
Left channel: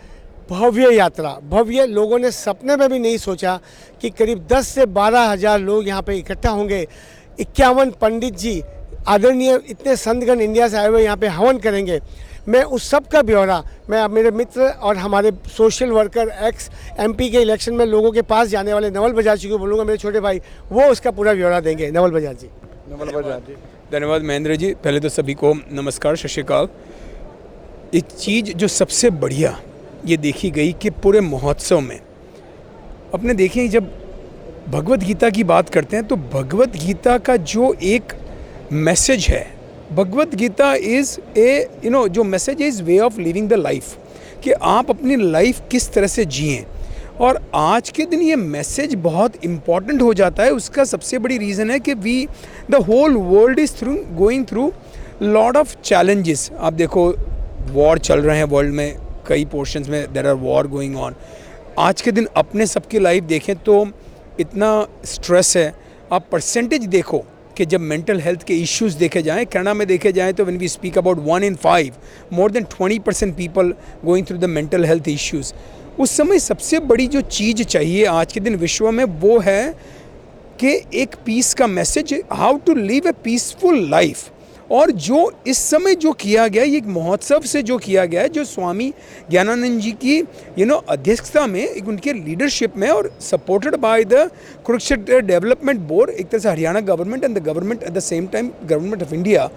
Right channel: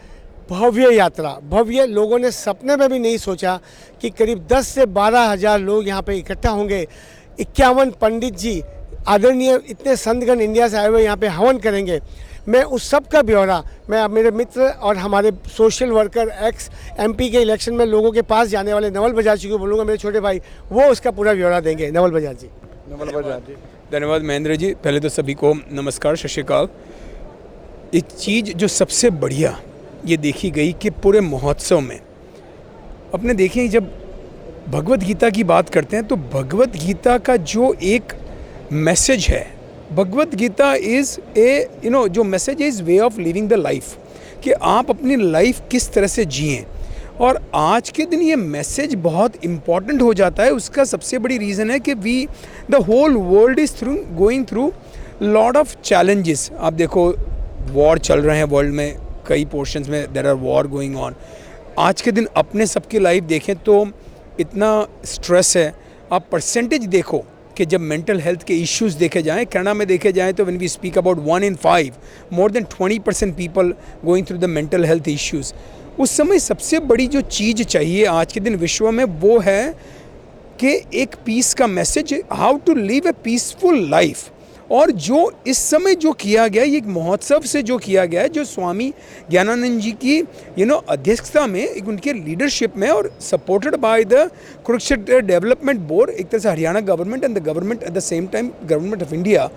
भव्य यात्रा, भव्य, लोगों ने सपने में भी नहीं सोचा कि करीब 10 से 12 हज़ार लोग यहाँ पे इकट्ठा होंगे। 51 पंडित जी, आदरणीय इतने संतगण इंडिया से आए हुए यहाँ पे हवन करेंगे। मैं उस सब का ब्यौरा मैं मेरे मित्र और हमारे सोशल वर्कर एक्स MP के इलेक्शन में लोगों के पास जाने वाले नवल बजाज जी को बोलूँगा, मेरे छोटे भाई, वो उसका पूरा ब्यौरा देंगे। नवल बजाज जी। धन्यवाद महेंद्र जी। पहले तो सभी को नमस्कार, सत श्री अकाल। एक चीज़ जो सबसे बढ़िया ये देखी गई कि पूरे महोत्सव में अपने देखें, जब भगवत गीता की बात करते हैं तो भगवत गीता का जो एक मैसेज है, भगवत गीता इज़ ए जो message is way of living the life, कि आप अपनी लाइफ किस तरह से जिएं। और आज के दिन ये मैसेज बहुत इम्पॉर्टेंट हो जाता है। उसका सबसे बड़ी रीज़न है कि the whole world is going through lot of challenges. आप देखो, वॉर चल रहे हैं वर्ल्ड में, कई पोर्शंस में there are war going on. आज के दिन अपने सबकी लाइफ देखें तो इतना स्ट्रेस है। आप परसेंटेज देखो कि जब मेंटल हेल्थ के इश्यूज़ देखे जाएं, कनाडा में देखे जाएं, तो when we speak about 1 in 5, more than 20% people going through the mental health issues. उस समय सबसे बड़ी जो चीज़ चाहिए आज के दिन विश्व में, वो है कि एक पीस का message, how to live a peaceful life. और जो इस समय जो किया गया, ये एक महोत्सव से जो किया गया है, जो स्वामी ज्ञानानंद जी की अध्यक्षता में, एक उनके लीडरशिप में और supported by the Kurukshetra development board, एक तरह से Haryana government and the government at the same time government of India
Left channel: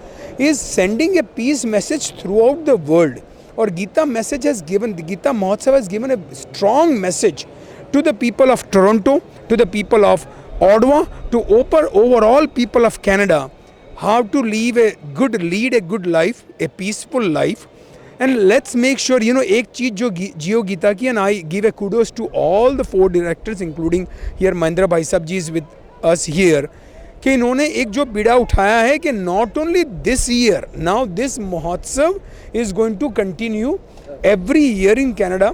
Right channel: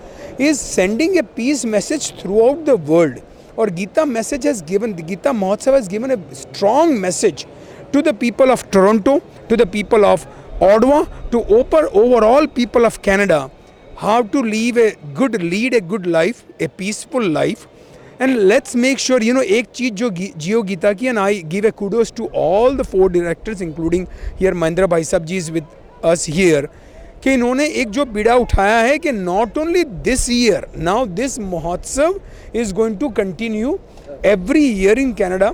is sending a peace message throughout the world. और Gita message has given, Gita Mahotsav has given a strong message to the people of Toronto, to the people of Ottawa, to overall people of Canada, how to lead a good life, a peaceful life. And let's make sure, एक चीज़ जो जियो गीता की, and I give a kudos to all the 4 directors, including here Mahindra Bhai Sahab ji is with us here कि इन्होंने एक जो बीड़ा उठाया है कि not only this year, now this mahotsav is going to continue every year in Canada.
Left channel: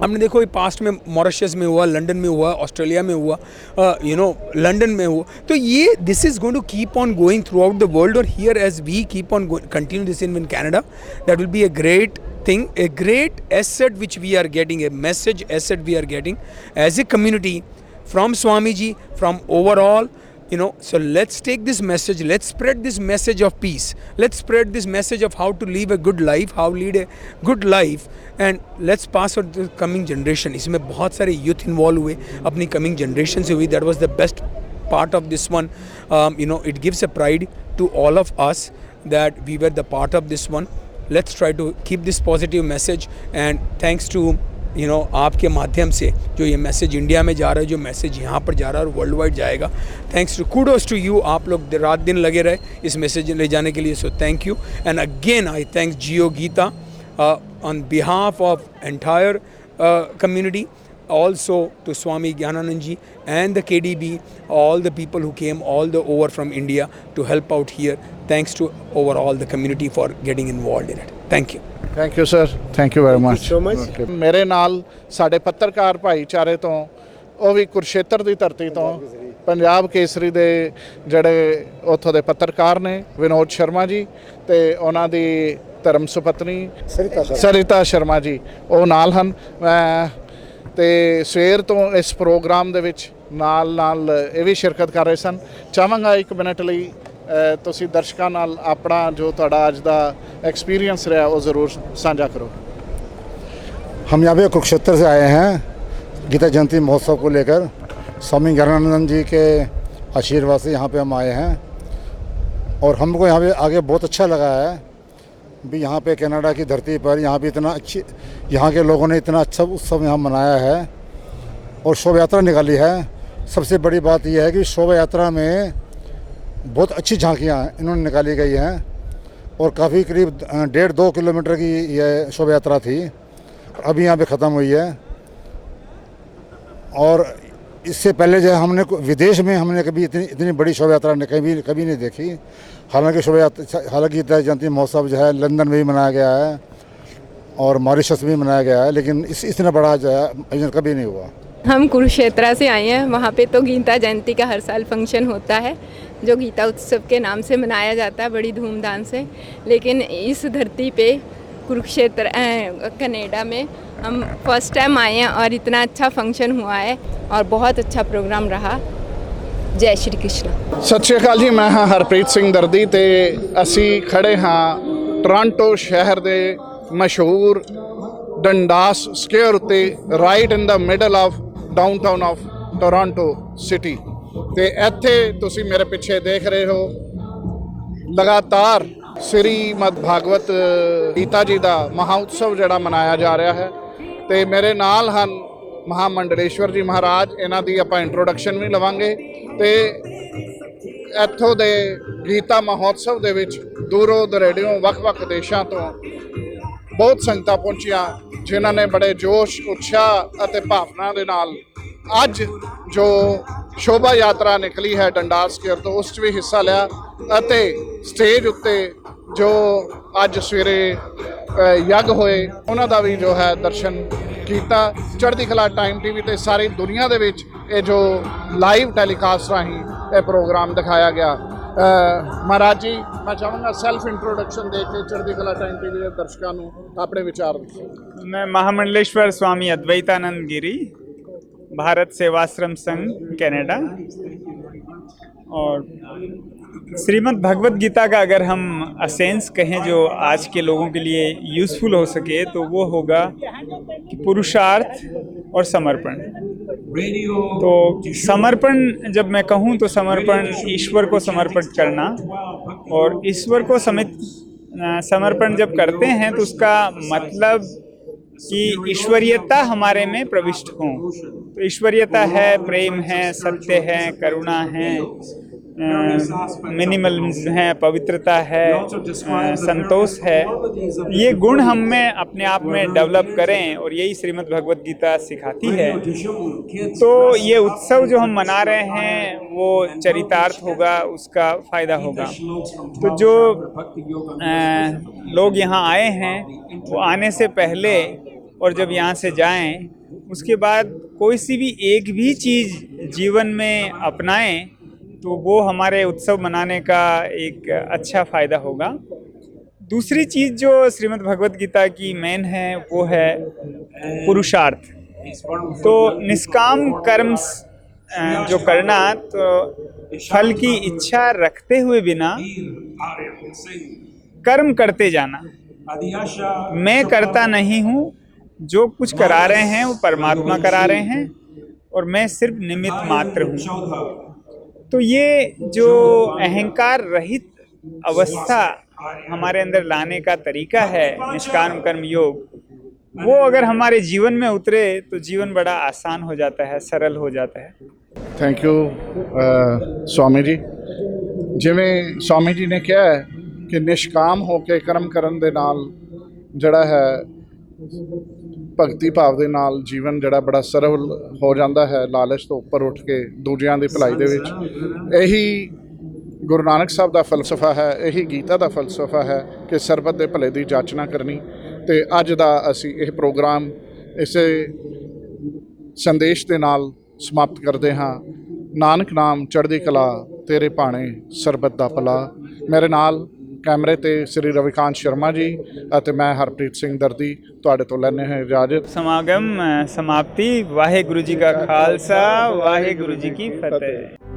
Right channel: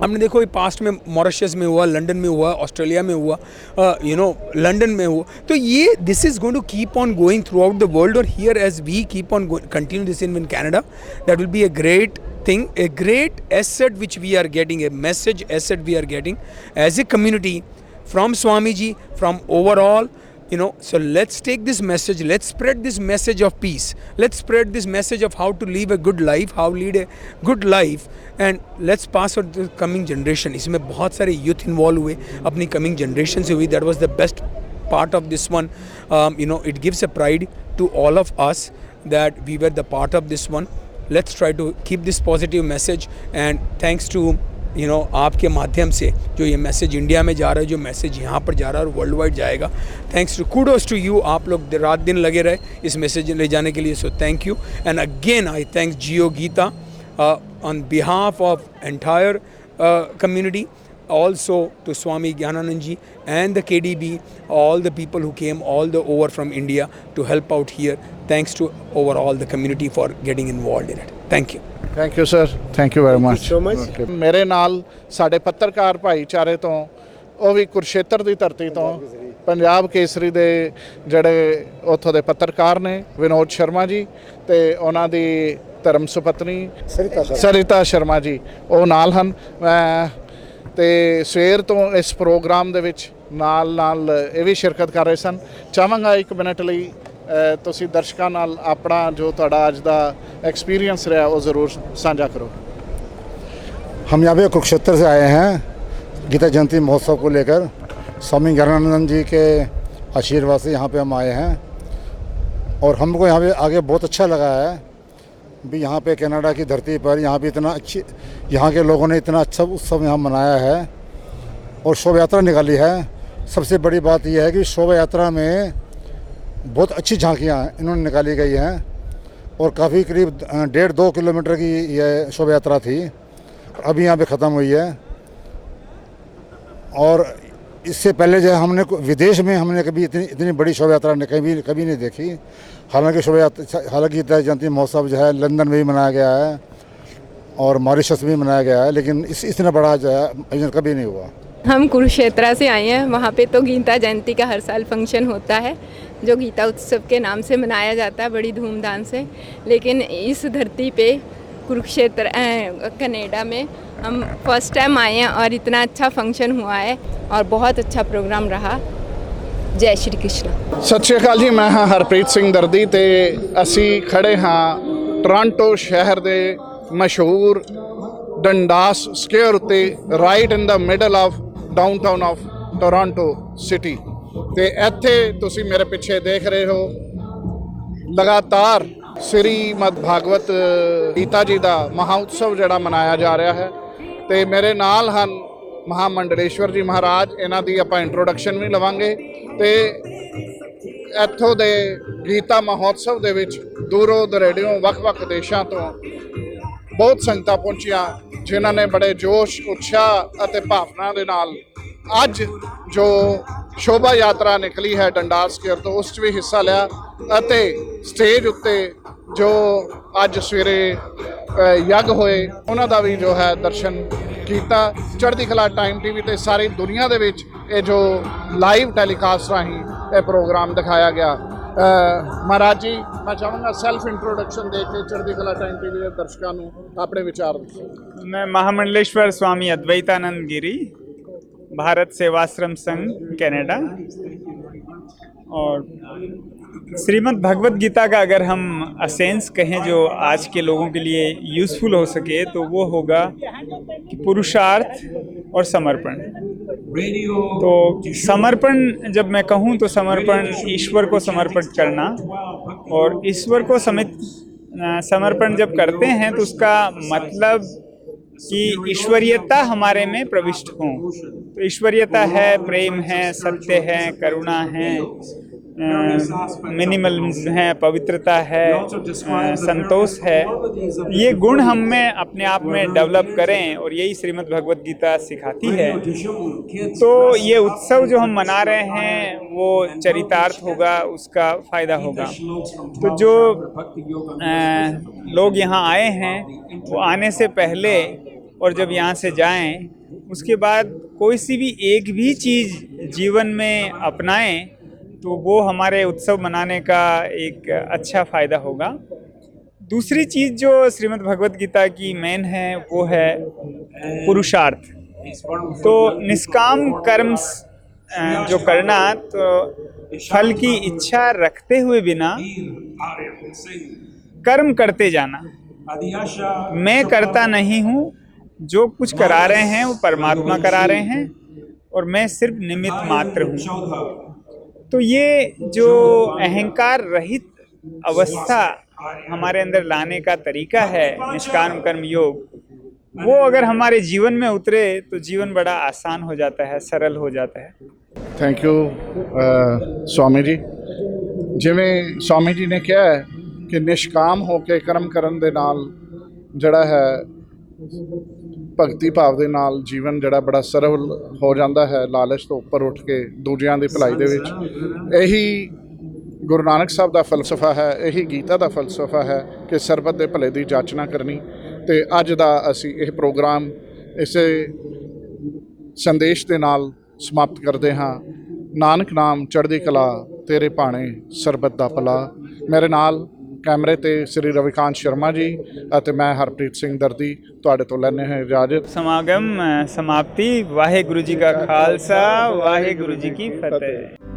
हमने देखो ये पास्ट में मॉरिशस में हुआ, लंदन में हुआ, ऑस्ट्रेलिया में हुआ, लंदन में हुआ, तो ये this is going to keep on going throughout the world. और here as we keep on continue this in Canada, that will be a great thing, a great asset which we are getting, a message asset we are getting as a community from Swamiji, from overall, so let's take this message, let's spread this message of peace, let's spread this message of how to live a good life, how lead a good life, and let's pass on to the coming generation. इसमें बहुत सारे youth involved हुए, अपनी coming generation से हुई, that was the best part of this one. It gives a pride to all of us that we were the part of this one. Let's try to keep this positive message, and thanks to आपके माध्यम से जो ये message India में जा रहा है, जो मैसेज यहाँ पर जा रहा है और वर्ल्ड वाइड जाएगा, thanks to kudos to you, आप लोग रात दिन लगे रहे इस मैसेज ले जाने के लिए, so thank you. And again I thanks Jio Gita on behalf of entire community, also to Swami Gyananand Ji and the KDB, all the people who came all the over from India to help out here. Thanks to overall the community for getting involved in it. Thank you. Thank you sir, thank you very much. so much. ਮੇਰੇ ਨਾਲ ਸਾਡੇ ਪੱਤਰਕਾਰ ਭਾਈਚਾਰੇ ਤੋਂ, ਉਹ ਵੀ ਕੁਰਸ਼ੇਤਰ ਦੀ ਧਰਤੀ ਤੋਂ, ਪੰਜਾਬ ਕੇਸਰੀ ਦੇ ਜਿਹੜੇ ਉੱਥੋਂ ਦੇ ਪੱਤਰਕਾਰ ਨੇ ਵਿਨੋਦ ਸ਼ਰਮਾ ਜੀ ਤੇ ਉਹਨਾਂ ਦੀ ਧਰਮ ਸੁਪਤਨੀ ਸਰਿਤਾ ਸ਼ਰਮਾ ਜੀ, ਉਹ ਨਾਲ ਹਨ। ਤੇ ਸਵੇਰ ਤੋਂ ਇਸ ਪ੍ਰੋਗਰਾਮ ਦੇ ਵਿੱਚ ਨਾਲ ਇਹ ਵੀ ਸ਼ਿਰਕਤ ਕਰ ਰਹੇ ਸਨ। ਚਾਹਾਂਗਾ 1 ਮਿੰਟ ਲਈ ਤੁਸੀਂ ਦਰਸ਼ਕਾਂ ਨਾਲ ਆਪਣਾ ਜੋ ਤੁਹਾਡਾ ਅੱਜ ਦਾ एक्सपीरियंस रहा वो ज़रूर साझा करो। हम यहाँ पे कुरुक्षेत्र से आए हैं गीता जयंती महोत्सव को लेकर। स्वामी ज्ञानानंद जी के आशीर्वाद से यहाँ पे हम आए हैं और हमको यहाँ पे आगे बहुत अच्छा लगा है भी। यहाँ पे कनाडा की धरती पर यहाँ पे इतना अच्छी, यहाँ के लोगों ने इतना अच्छा उत्सव यहाँ मनाया है और शोभा यात्रा निकाली है। सबसे बड़ी बात यह है कि शोभा यात्रा में बहुत अच्छी झांकियाँ इन्होंने निकाली गई हैं और काफ़ी करीब 1.5-2 किलोमीटर की यह शोभा यात्रा थी, अभी यहाँ पे ख़त्म हुई है। और इससे पहले जो हमने विदेश में हमने कभी इतनी बड़ी शोभा यात्रा कभी नहीं देखी। हालांकि गीता जयंती महोत्सव जो है लंदन में भी मनाया गया है और मॉरिशस में भी मनाया गया है, लेकिन इतना बड़ा जो है आयोजन कभी नहीं हुआ। हम कुरुक्षेत्र से आए हैं, वहाँ पे तो गीता जयंती का हर साल फंक्शन होता है जो गीता उत्सव के नाम से मनाया जाता है बड़ी धूमधाम से। लेकिन इस धरती पे कुरुक्षेत्र कनाडा में हम फर्स्ट टाइम आए हैं और इतना अच्छा फंक्शन हुआ है और बहुत अच्छा प्रोग्राम रहा। जय श्री कृष्ण। सत श्री अकाल जी, मैं हाँ हरप्रीत सिंह दर्दी ते असी खड़े हाँ टोरंटो शहर दे मशहूर डंडास स्क्वेयर उत्ते, right in the middle of downtown of Toronto city. ਤੇ ਇੱਥੇ ਤੁਸੀਂ ਮੇਰੇ ਪਿੱਛੇ ਦੇਖ ਰਹੇ ਹੋ ਲਗਾਤਾਰ ਸ੍ਰੀਮਦ ਭਾਗਵਤ ਗੀਤਾ ਜੀ ਦਾ ਮਹਾਉਤਸਵ ਜਿਹੜਾ ਮਨਾਇਆ ਜਾ ਰਿਹਾ ਹੈ। ਤੇ ਮੇਰੇ ਨਾਲ ਹਨ ਮਹਾਮੰਡਲੇਸ਼ਵਰ ਜੀ ਮਹਾਰਾਜ, ਇਹਨਾਂ ਦੀ ਆਪਾਂ ਇੰਟਰੋਡਕਸ਼ਨ ਵੀ ਲਵਾਂਗੇ। ਤੇ ਇੱਥੋਂ ਦੇ ਗੀਤਾ ਮਹੋਤਸਵ ਦੇ ਵਿੱਚ ਦੂਰੋਂ ਦਰੇੜਿਓਂ ਵੱਖ-ਵੱਖ ਦੇਸ਼ਾਂ ਤੋਂ ਬਹੁਤ ਸੰਗਤਾਂ ਪਹੁੰਚੀਆਂ, ਜਿਨ੍ਹਾਂ ਨੇ ਬੜੇ ਜੋਸ਼ ਉਤਸ਼ਾਹ ਅਤੇ ਭਾਵਨਾ ਦੇ ਨਾਲ ਅੱਜ ਜੋ ਸ਼ੋਭਾ ਯਾਤਰਾ ਨਿਕਲੀ ਹੈ ਡੰਡਾਸ ਸਕੁਏਅਰ ਤੋਂ, ਉਸ 'ਚ ਵੀ ਹਿੱਸਾ ਲਿਆ। ਅਤੇ ਸਟੇਜ ਉੱਤੇ ਜੋ ਅੱਜ ਸਵੇਰੇ ਯੱਗ ਹੋਏ ਉਹਨਾਂ ਦਾ ਵੀ ਜੋ ਹੈ ਦਰਸ਼ਨ ਕੀਤਾ। ਚੜ੍ਹਦੀ ਕਲਾ ਟਾਈਮ ਟੀਵੀ ਤੇ ਸਾਰੀ ਦੁਨੀਆ ਦੇ ਵਿੱਚ ਇਹ ਜੋ ਲਾਈਵ ਟੈਲੀਕਾਸਟ ਰਾਹੀਂ ਇਹ ਪ੍ਰੋਗਰਾਮ ਦਿਖਾਇਆ ਗਿਆ। ਮਹਾਰਾਜ ਜੀ, ਮੈਂ ਚਾਹਾਂਗਾ ਸੈਲਫ ਇੰਟਰੋਡਕਸ਼ਨ ਦੇ ਕੇ ਚੜ੍ਹਦੀ ਕਲਾ ਟਾਈਮ ਟੀਵੀ ਦੇ ਦਰਸ਼ਕਾਂ ਨੂੰ ਆਪਣੇ ਵਿਚਾਰ ਦੱਸੋ। मैं महामंडलेश्वर स्वामी अद्वैतानंद गिरी, भारत सेवाश्रम संघ कनाडा। और श्रीमद् भगवत गीता का अगर हम असेंस कहें जो आज के लोगों के लिए यूज़फुल हो सके तो वो होगा कि पुरुषार्थ और समर्पण। तो समर्पण जब मैं कहूँ तो समर्पण ईश्वर को समर्पित करना, और ईश्वर को समर्पण जब करते हैं तो उसका मतलब कि ईश्वरीयता हमारे में प्रविष्ट हो। तो ईश्वरीयता है, प्रेम है, सत्य है, करुणा है, मिनिमलिज्म है, पवित्रता है, संतोष है, ये गुण हम में अपने आप में डेवलप करें, और यही श्रीमद् भगवत गीता सिखाती है। तो ये उत्सव जो हम मना रहे हैं वो चरितार्थ होगा, उसका फ़ायदा होगा। तो जो लोग यहाँ आए हैं वो आने से पहले और जब यहाँ से जाएं, उसके बाद कोई सी भी एक भी चीज़ जीवन में अपनाएं तो वो हमारे उत्सव मनाने का एक अच्छा फ़ायदा होगा। दूसरी चीज़ जो श्रीमद् भगवत गीता की मेन है वो है पुरुषार्थ। तो निष्काम कर्म जो करना, तो फल की इच्छा रखते हुए बिना कर्म करते जाना। मैं करता नहीं हूँ, जो कुछ करा रहे हैं वो परमात्मा करा रहे हैं और मैं सिर्फ निमित्त मात्र हूँ। तो ये जो अहंकार रहित अवस्था हमारे अंदर लाने का तरीका है निष्काम कर्म योग, वो अगर हमारे जीवन में उतरे तो जीवन बड़ा आसान हो जाता है, सरल हो जाता है। Thank you Swami ji. जिवें स्वामी जी ने कहा है कि निष्काम होकर कर्म करन दे नाल जड़ा है भगती भाव दे नाल जीवन जड़ा बड़ा सरल हो जाता है, लालच तो उपर उठ के दूजियां दी भलाई दे विच। यही गुरु नानक साहब का फलसफा है, यही गीता का फलसफा है कि सरबत दे भले दी जाचना करनी। तो अज दा असी यह प्रोग्राम इसे संदेश दे नाल समाप्त करते हाँ। नानक नाम चढ़दी कला तेरे भाणे सरबत दा भला। मेरे नाल कैमरे ते श्री रविकांत शर्मा जी और मैं हरप्रीत सिंह दर्दी तुहाडे तो लैने हैं इजाजत। समागम समाप्ति। वाहे गुरु जी का खालसा, वाहे गुरु जी की फतेह।